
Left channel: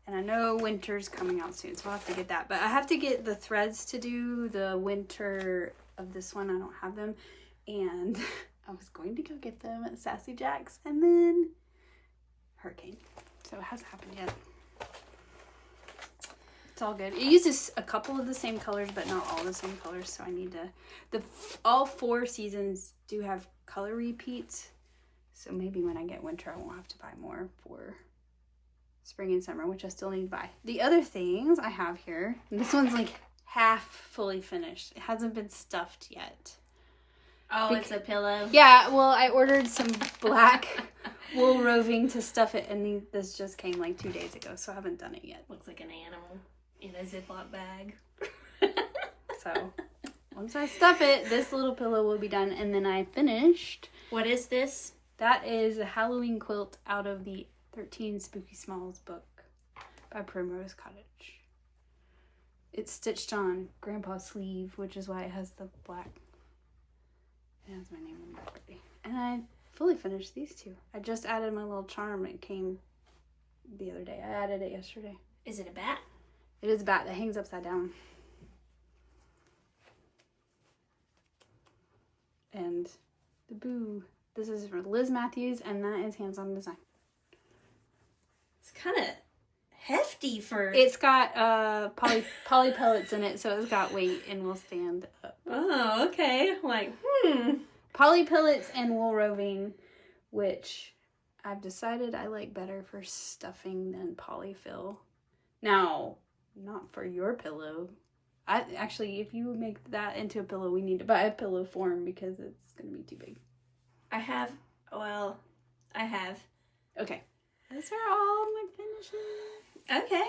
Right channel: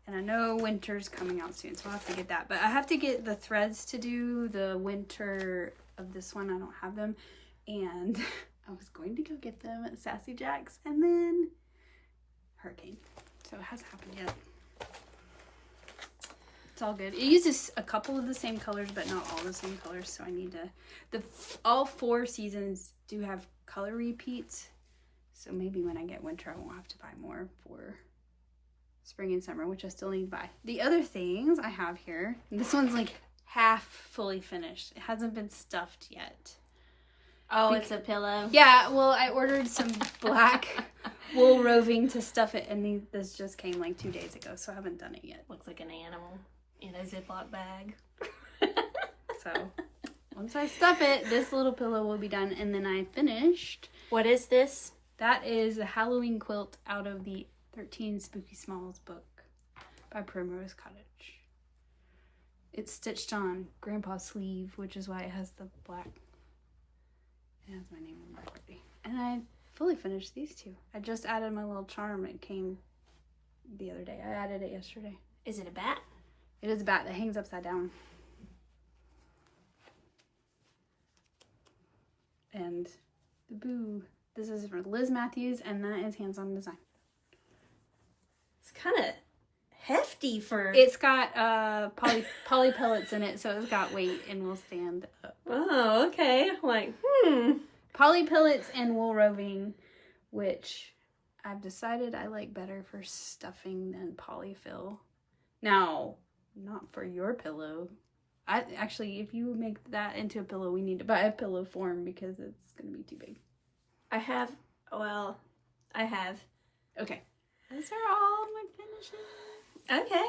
And I know winter's coming out soon, so I'll have to get that. But I have to get the threads to do the winter of this one. I don't have them. And I was going to go get them at Sassy Jack's, and then Hurricane. So it hasn't happened yet. It's all good. It uses a couple of the same colors, but not all the same colors. So I need to... all 4 seasons do have color repeats. So maybe when I get winter, I won't have to buy more for spring and summer, which I still need to buy. The other things I have here, this one's like half fully finished. It hasn't been stuffed yet. Oh, it's a pillow? Yeah, well, I ordered some black wool roving to stuff it, and this just came like 2 days ago, so I haven't done it yet. Looks like an animal in a Ziploc bag. So once I stuff it, this little pillow will be done, and then I finished. What is this? That is a Halloween quilt out of the 13 Spooky Smalls book by Primrose Cottage. It's stitched on Grandpa's sleeve, which is why it has the black. It has my name on the back already. And I fully finished these 2. I just added my little charm. It came the other day. I added it yesterday. Is it a bat? It is a bat that hangs upside down. And the boo. This is from Liz Matthews, and that is Hands On Design. It's kind of hefty for... It's got poly pellets in it, so it's got weight and will stand up. Oh, okay. Like, Poly pellets and wool roving, which I've decided I like better for stuffing than polyfill. Now, not for your pillow. Actually, if you make that into a pillow, we need to buy a pillow form because it's going to be too big. I have. Okay. Those are all my finishes. Okay.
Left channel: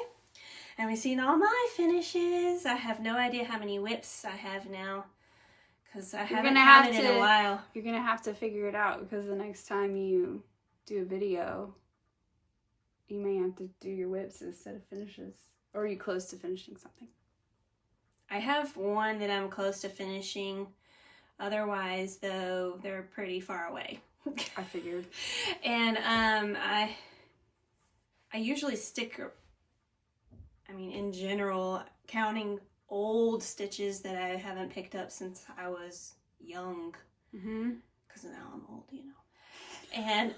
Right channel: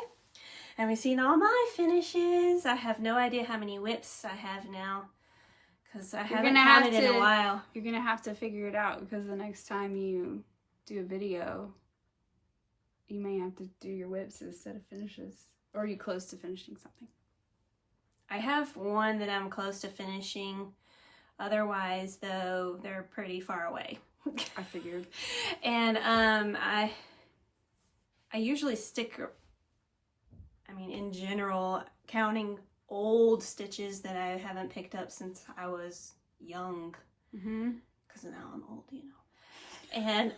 And we've seen all my finishes. I have no idea how many whips I have now. Because I haven't counted in a while. You're going to have to figure it out because the next time you do a video, you may have to do your whips instead of finishes. Or are you close to finishing something? I have one that I'm close to finishing. Otherwise, though, they're pretty far away. I figured. And I usually stick, in general, counting old stitches that I haven't picked up since I was young. Mm-hmm. Because now I'm old, you know. And,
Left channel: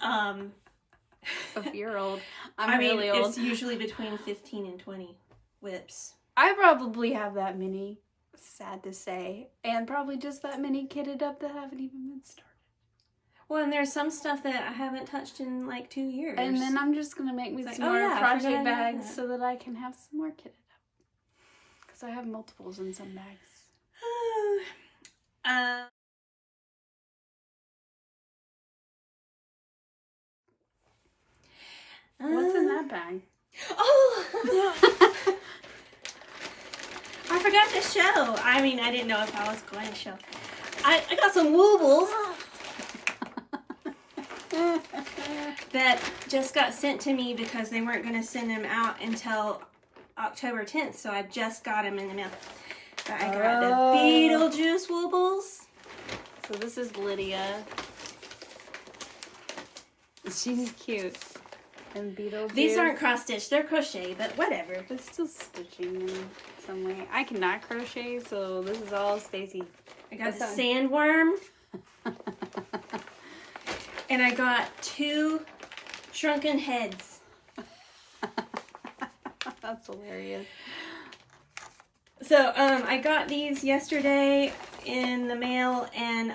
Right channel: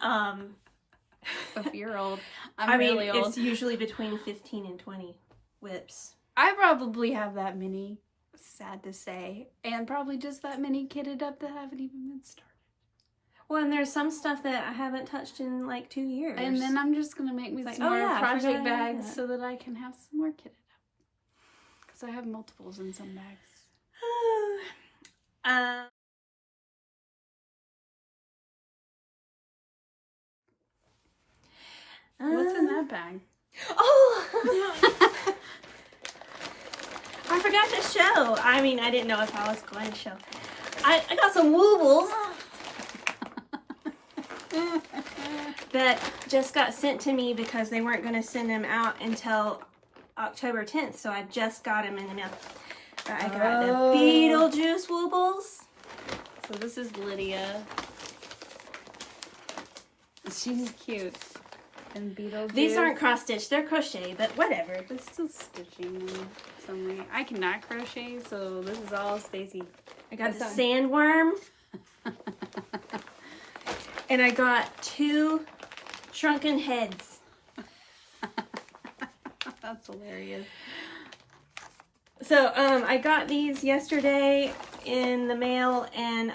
if you're old, I'm really old. It's usually between 15 and 20 whips. I probably have that many, sad to say, and probably just that many kitted up that haven't even been started. Well, and there's some stuff that I haven't touched in like 2 years. And then I'm just going to make me It's some like, oh, more yeah, I project forgot I had bags that. so that I can have some more kitted up. Because I have multiples in some bags. What's in that bag? Oh! I forgot to show. I mean, I didn't know if I was going to show. I got some woobles that just got sent to me because they weren't going to send them out until October 10th. So I just got them in the mail. I got the Beetlejuice woobles. So this is Lydia. She's cute. And Beetlejuice. These aren't cross stitched, they're crochet, but whatever. It's still stitching in some way. I cannot crochet, so this is all Stacy. I got the sandworm. And I got 2 shrunken heads. That's hilarious. So, I got these yesterday in the mail, and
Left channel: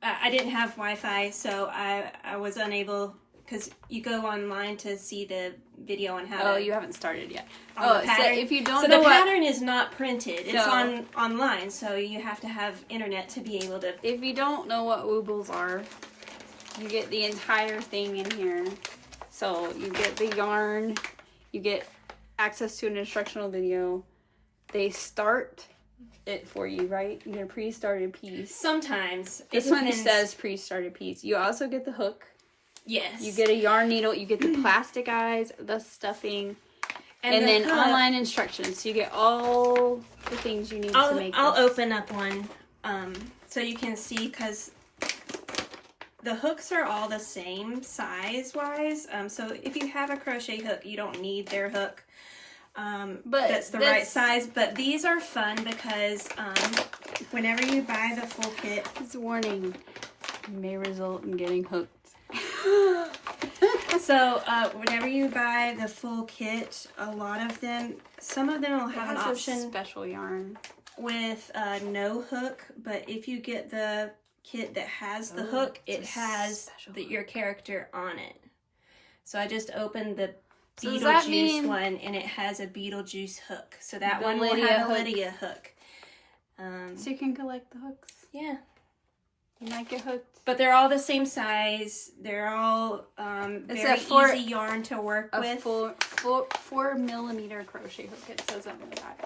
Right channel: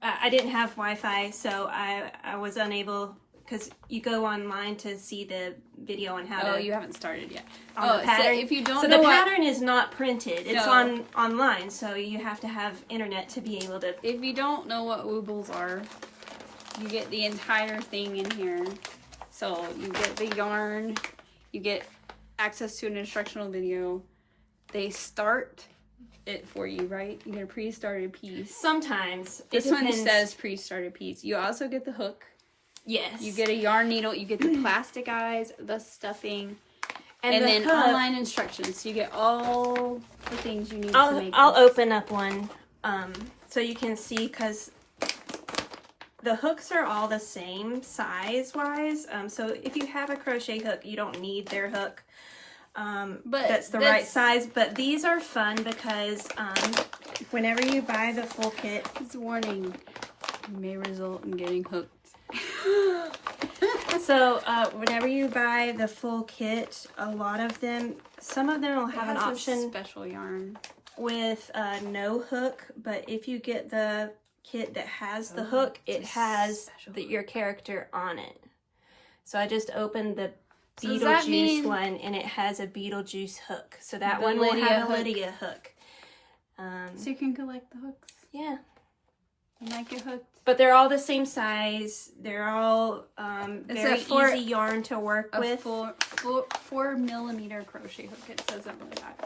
I didn't have Wi-Fi, so I was unable, because you go online to see the video on how to... Oh, you haven't started yet. Oh, so if you don't so know the what... pattern is not printed. It's No. online, so you have to have internet to be able to... If you don't know what woobles are, you get the entire thing in here. So you get the yarn, you get access to an instructional video. They start it for you, right? You get a pre-started piece. Sometimes. This one says pre-started piece. You also get the hook. Yes. You get a yarn needle. You get the plastic eyes, the stuffing, and then hook. online instructions. So you get all the things you need to make I'll this. open up one so you can see, because the hooks are all the same size-wise. So if you have a crochet hook, you don't need their hook. But that's the right size. But these are fun because whenever you buy the full kit... It's a warning. You may result in getting hooked. So, whenever you buy the full kit, a lot of them, some of them will have an option special yarn with no hook, but if you get the kit that has the hook, it has your character on it. So I just opened the Beetlejuice one, and it has a Beetlejuice hook. So that one will have a Lydia hook. So you can collect the hooks. Yeah. You might get hooked. But they're all the same size. They're all very easy yarn to work with. A 4mm crochet hook, it says on the back.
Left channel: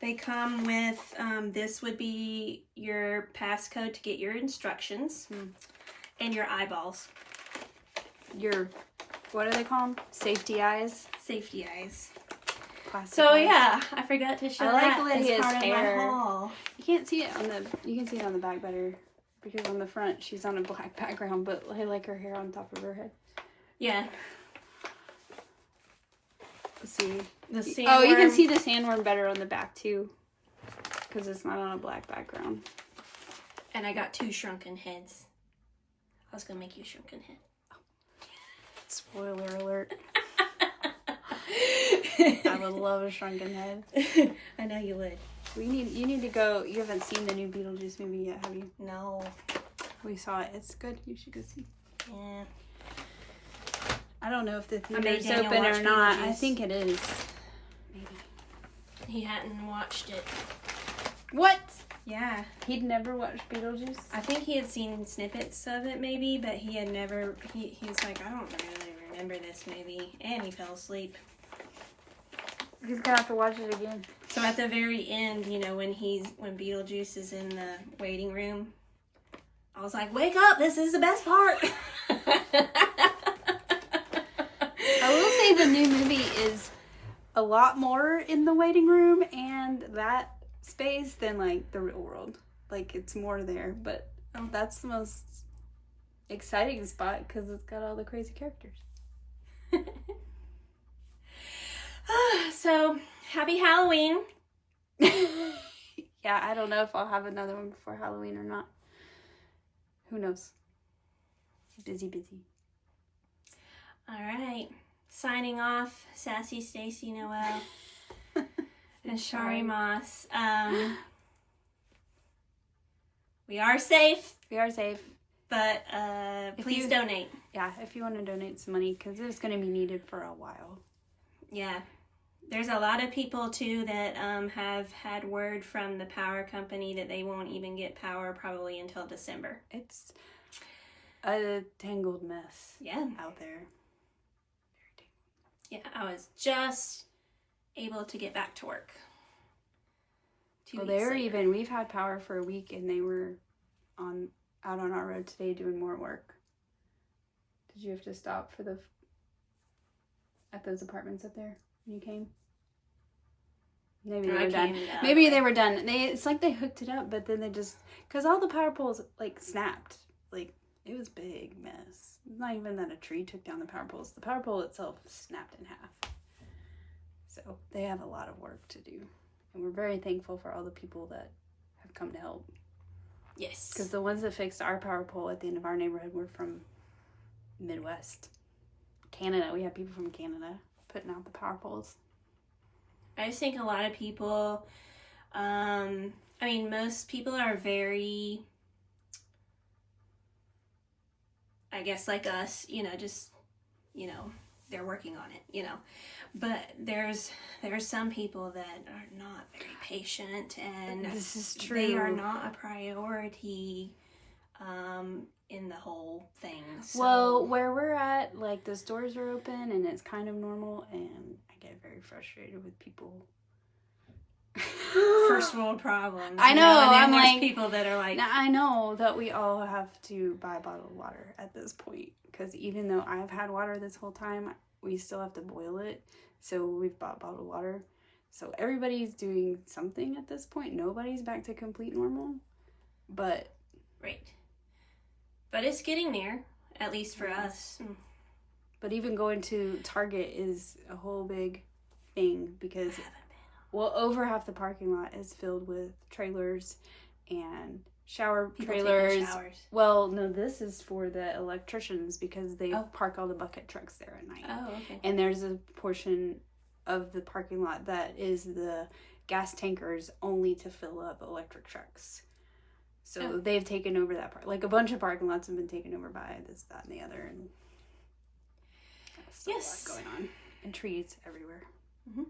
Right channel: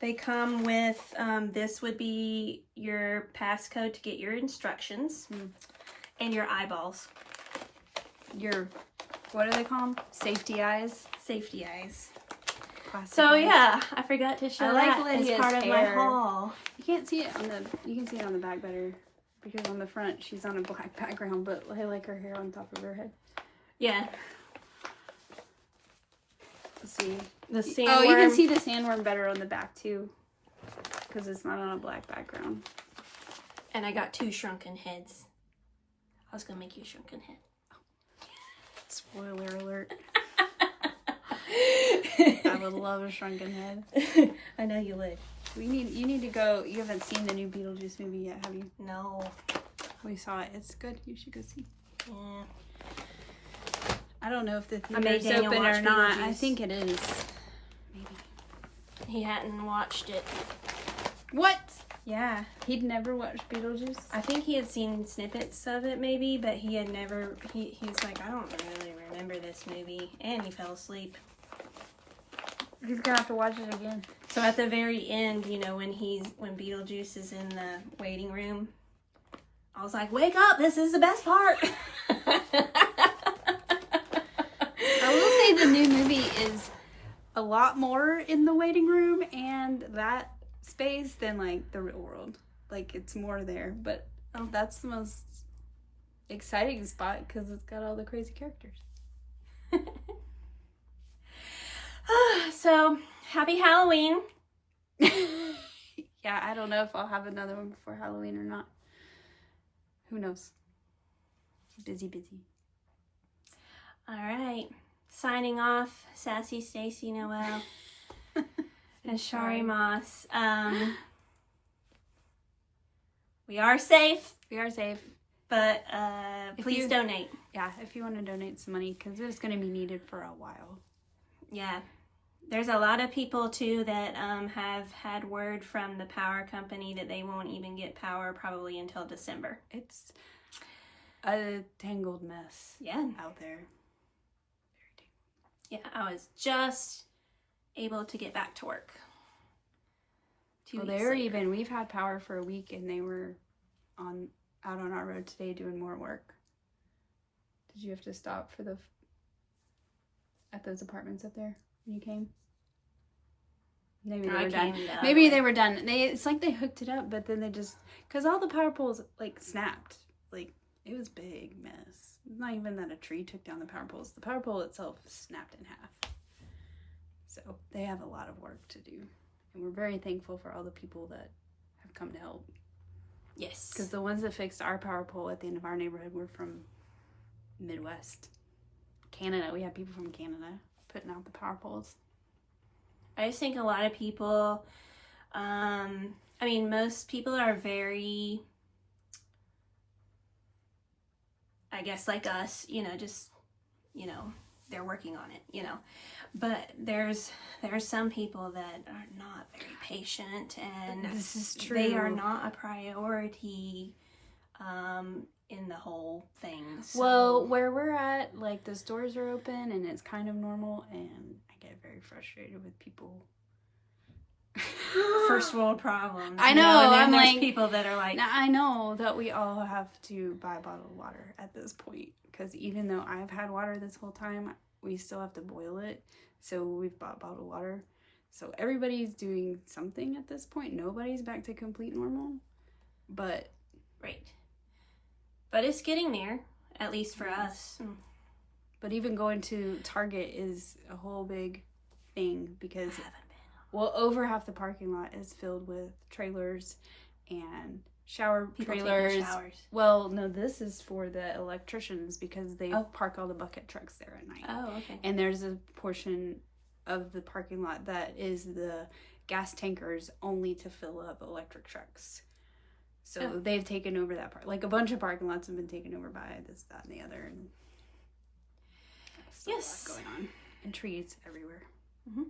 They come with, this would be your passcode to get your instructions and your eyeballs. Your, what do they call them? Safety eyes? Safety eyes. Plastic So eyes. yeah, I forgot to show I like that Lydia's as part of my hair. haul. You can't see it on the, you can see it on the back better. Because on the front, she's on a black background, but I like her hair on top of her head. Yeah. Let's see. The sandworm. Oh, you can see the sandworm better on the back, too. Because it's not on a black background. And I got 2 shrunken heads. I was going to make you a shrunken head. Spoiler alert. I would love a shrunken head. I know you would. You need to go. You haven't seen the new Beetlejuice movie yet, have you? No. We saw it. It's good. You should go see. Yeah. I don't know if the made theater's Daniel open or watch not. Beetlejuice. I think it is. Maybe. He hadn't watched it. What? Yeah. He'd never watched Beetlejuice? I think he had seen snippets of it maybe, but he had never, he's like, I don't really remember this movie. And he fell asleep. He's gonna have to watch it again. So at the very end, you know, when Beetlejuice is in the waiting room, I was like, wake up, this is the best part. I will say the new movie is a lot more in the waiting room and that space than like the real world. Like it's more there, but that's the most exciting spot because it's got all the crazy characters. So, happy Halloween. Yeah, I don't know if I'll have another one before Halloween or not. Who knows? Busy. All right. Signing off, Sassy Stacy Noel and Shari Moss. We are safe, We are safe. but please donate. Yeah, if you want to donate some money, because it's going to be needed for a while. Yeah. There's a lot of people, too, that have had word from the power company that they won't even get power probably until December. It's a tangled mess out there. Very tangled. Yeah, I was just able to get back to work. We've had power for a week, and they were out on our road today doing more work. Did you have to stop at those apartments up there when you came? Maybe they were done. Maybe they were done. It's like they hooked it up, but then they just, because all the power poles like snapped. Like, it was a big mess. It's not even that a tree took down the power poles. The power pole itself snapped in half. So they have a lot of work to do. And we're very thankful for all the people that have come to help. Yes. Because the ones that fixed our power pole at the end of our neighborhood were from Midwest. Canada. We have people from Canada putting out the power poles. I just think a lot of people, most people are very, I guess like us, they're working on it, But there's some people that are not very patient, and this is true. They are not a priority in the whole thing. So. Well, where we're at, like, the stores are open and it's kind of normal, and I get very frustrated with people. First world problems. I know. I'm like, people that are like, I know that we all have to buy bottled water at this point, because even though I've had water this whole time, we still have to boil it. So we've bought bottled water. So everybody's doing something at this point. Nobody's back to complete normal, but right. But it's getting there, at least for us. But even going to Target is a whole big thing, because over half the parking lot is filled with trailers and people trailers. Well, no, this is for the electricians, because they park all the bucket trucks there at night. Oh, okay. And there's a portion of the parking lot that is the gas tankers only to fill up electric trucks. So they've taken over that part. Like, a bunch of parking lots have been taken over by this, that, and the other. And there's a lot going on. And trees everywhere. Mm-hmm.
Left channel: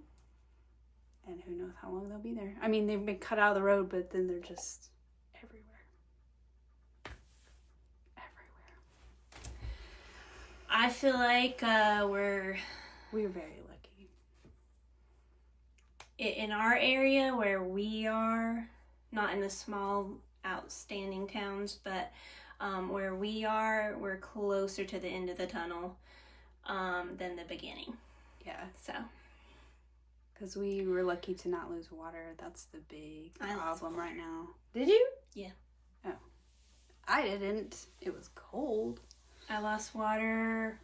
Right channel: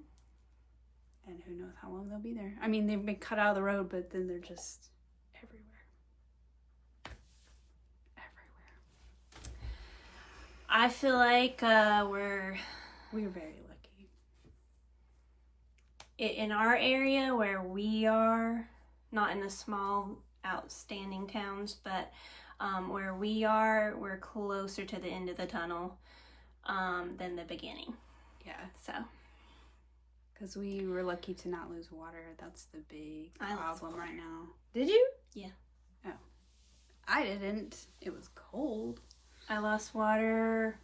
And who knows how long they'll be there. I mean, they've been cut out of the road, but then they're just everywhere. I feel like we're very lucky. In our area where we are, not in the small outstanding towns, but where we are, we're closer to the end of the tunnel than the beginning. Yeah. So. Because we were lucky to not lose water. That's the big problem right now. Did you? Yeah. Oh. I didn't. It was cold. I lost water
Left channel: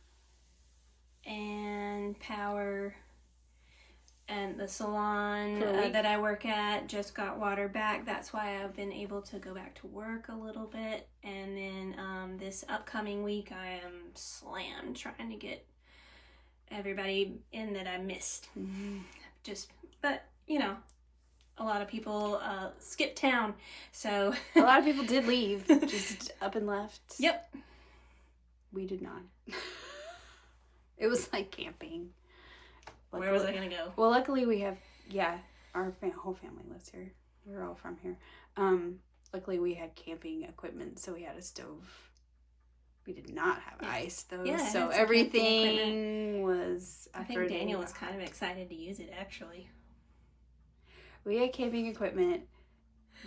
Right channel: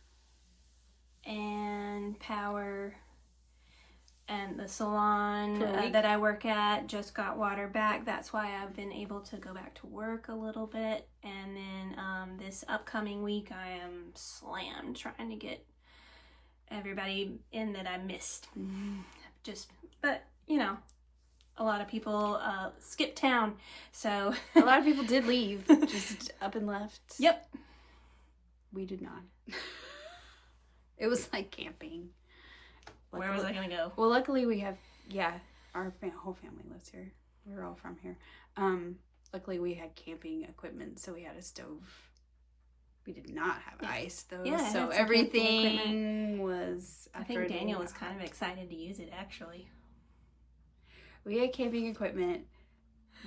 and power, and the salon that I work at just got water back. That's why I've been able to go back to work a little bit. And then this upcoming week I am slammed trying to get everybody in that I missed. Mm-hmm. But a lot of people skipped town, so a lot of people did leave, just up and left. Yep. We did not. It was like camping. Where was I gonna go? Well, luckily we have, our whole family lives here. We're all from here. Luckily we had camping equipment, so we had a stove. We did not have ice though, so everything was. I think Daniel was kind of excited to use it, actually. We had camping equipment,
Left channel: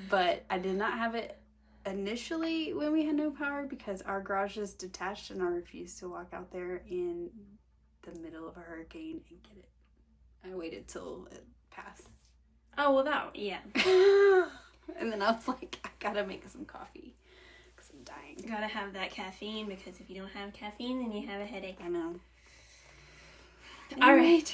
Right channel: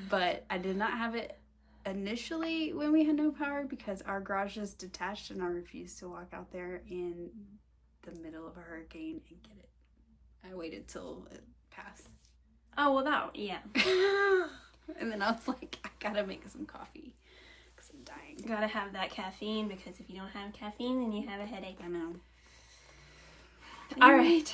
but I did not have it initially when we had no power, because our garage is detached and I refused to walk out there in the middle of a hurricane and get it. I waited till it passed. Oh, well, yeah. And then I was like, I gotta make some coffee because I'm dying. You gotta have that caffeine, because if you don't have caffeine, then you have a headache. I know. All right.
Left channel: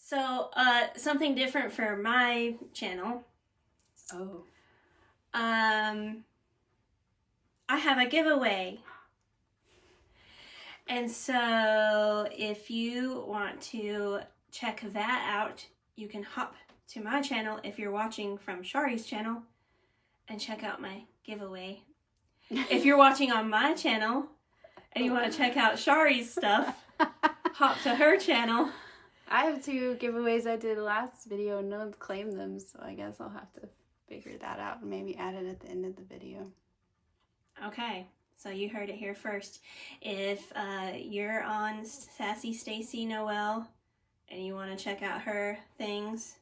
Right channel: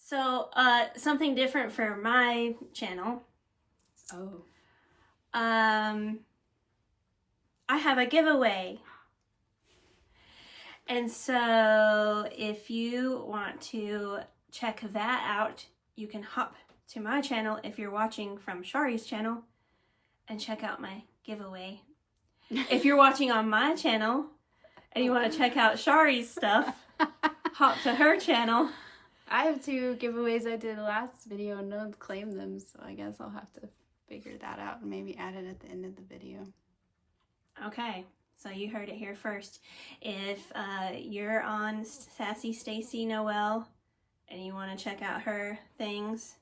So, something different for my channel. Oh. I have a giveaway. And so, if you want to check that out, you can hop to my channel if you're watching from Shari's channel and check out my giveaway. If you're watching on my channel and you want to check out Shari's stuff, hop to her channel. I have 2 giveaways I did last video and no one's claimed them, so I guess I'll have to figure that out and maybe add it at the end of the video. Okay, so you heard it here first. If you're on Sassy Stacy Noel and you want to check out her things,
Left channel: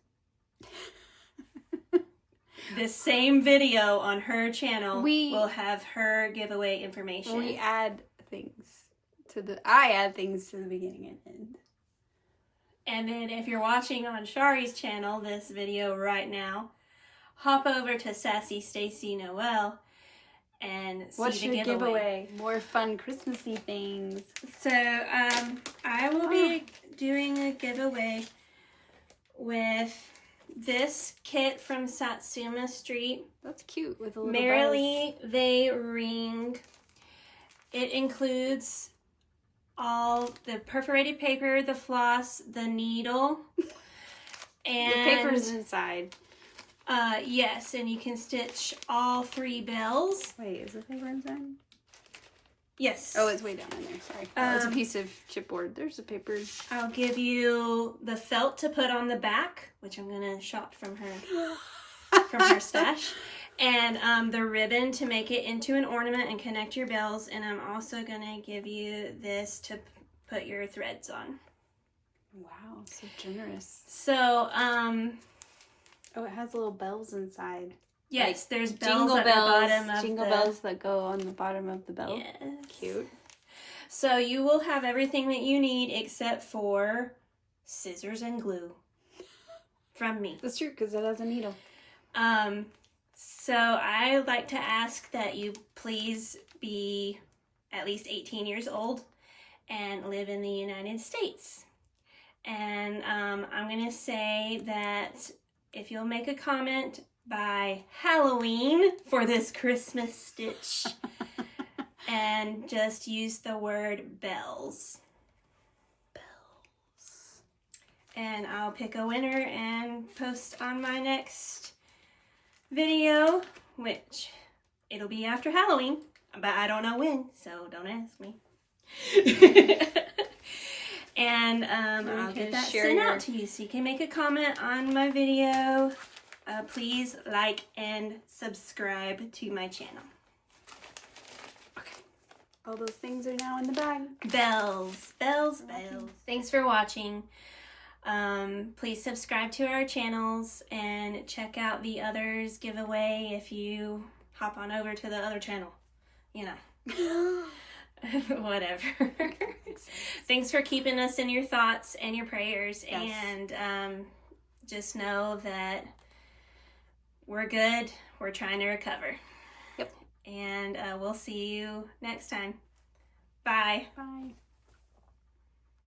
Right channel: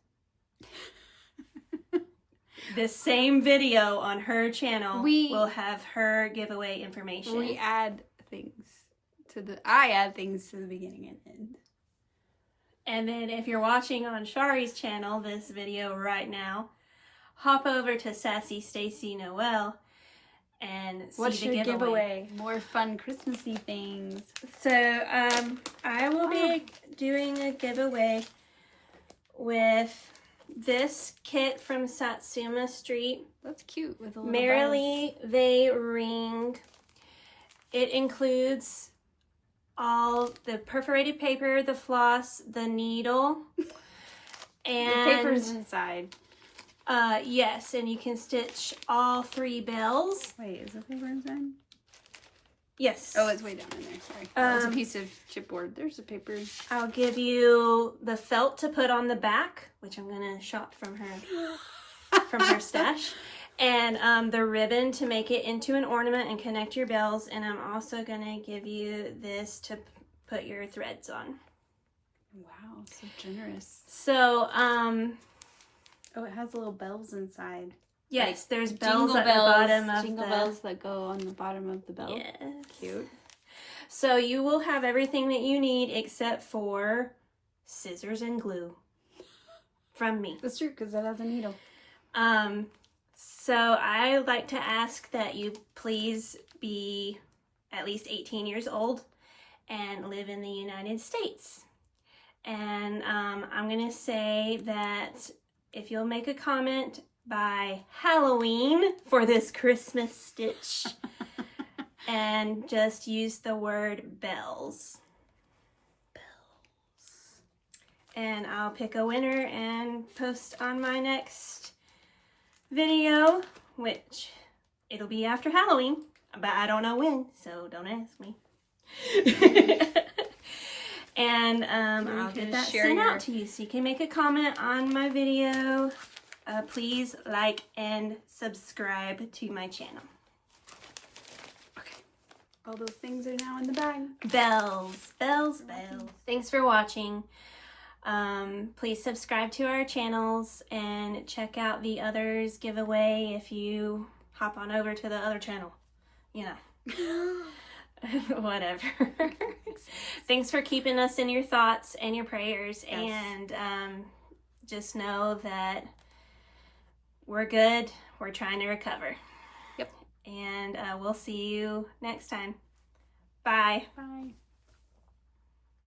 the same video on her channel will have her giveaway information. We add things I add things to the beginning and end. And then if you're watching on Shari's channel, this video right now, hop over to Sassy Stacy Noel and see What's the your giveaway? More fun Christmassy things. So I will be doing a giveaway with this kit from Satsuma Street. That's cute with a little Merrily They Ring. It includes all the perforated paper, the floss, the needle, and the paper's inside. Yes, and you can stitch all 3 bells. Wait, is the paper inside? Yes. Oh, it's way down in there. Sorry. That was a piece of chipboard. There's the paper. I'll give you the felt to put on the back, which I'm gonna shop from her stash, and the ribbon to make it into an ornament and connect your bells. And I'm also gonna give you this to put your threads on. Wow, so generous. So oh, it has little bells inside. yes, like there's bells jingle at bells, the bottom of jingle the bells that go on the bottom of the bell. Yes. Cute. So you will have everything that you need except for scissors and glue from me. That's true, because that has a needle. So I like to ask that you please be at least 18 years old and live in the United States. And I'm going to say that if you'll make a comment by Halloween for this Christmas stitch and just use the word bells. And I'll pick a winner and post on my next video, which it'll be after Halloween, but I don't know when, so don't ask me. And I'll get that sent out to you, so you can make a comment on my video. Please like and subscribe to my channel. Okay. All those things are now in the bag. Bells, bells, bells. Thanks for watching. Please subscribe to our channels and check out the others giveaway if you hop on over to the other channel. You know. Whatever. Thanks for keeping us in your thoughts and your prayers. Yes. And just know that we're good. We're trying to recover. Yep. And we'll see you next time. Bye. Bye.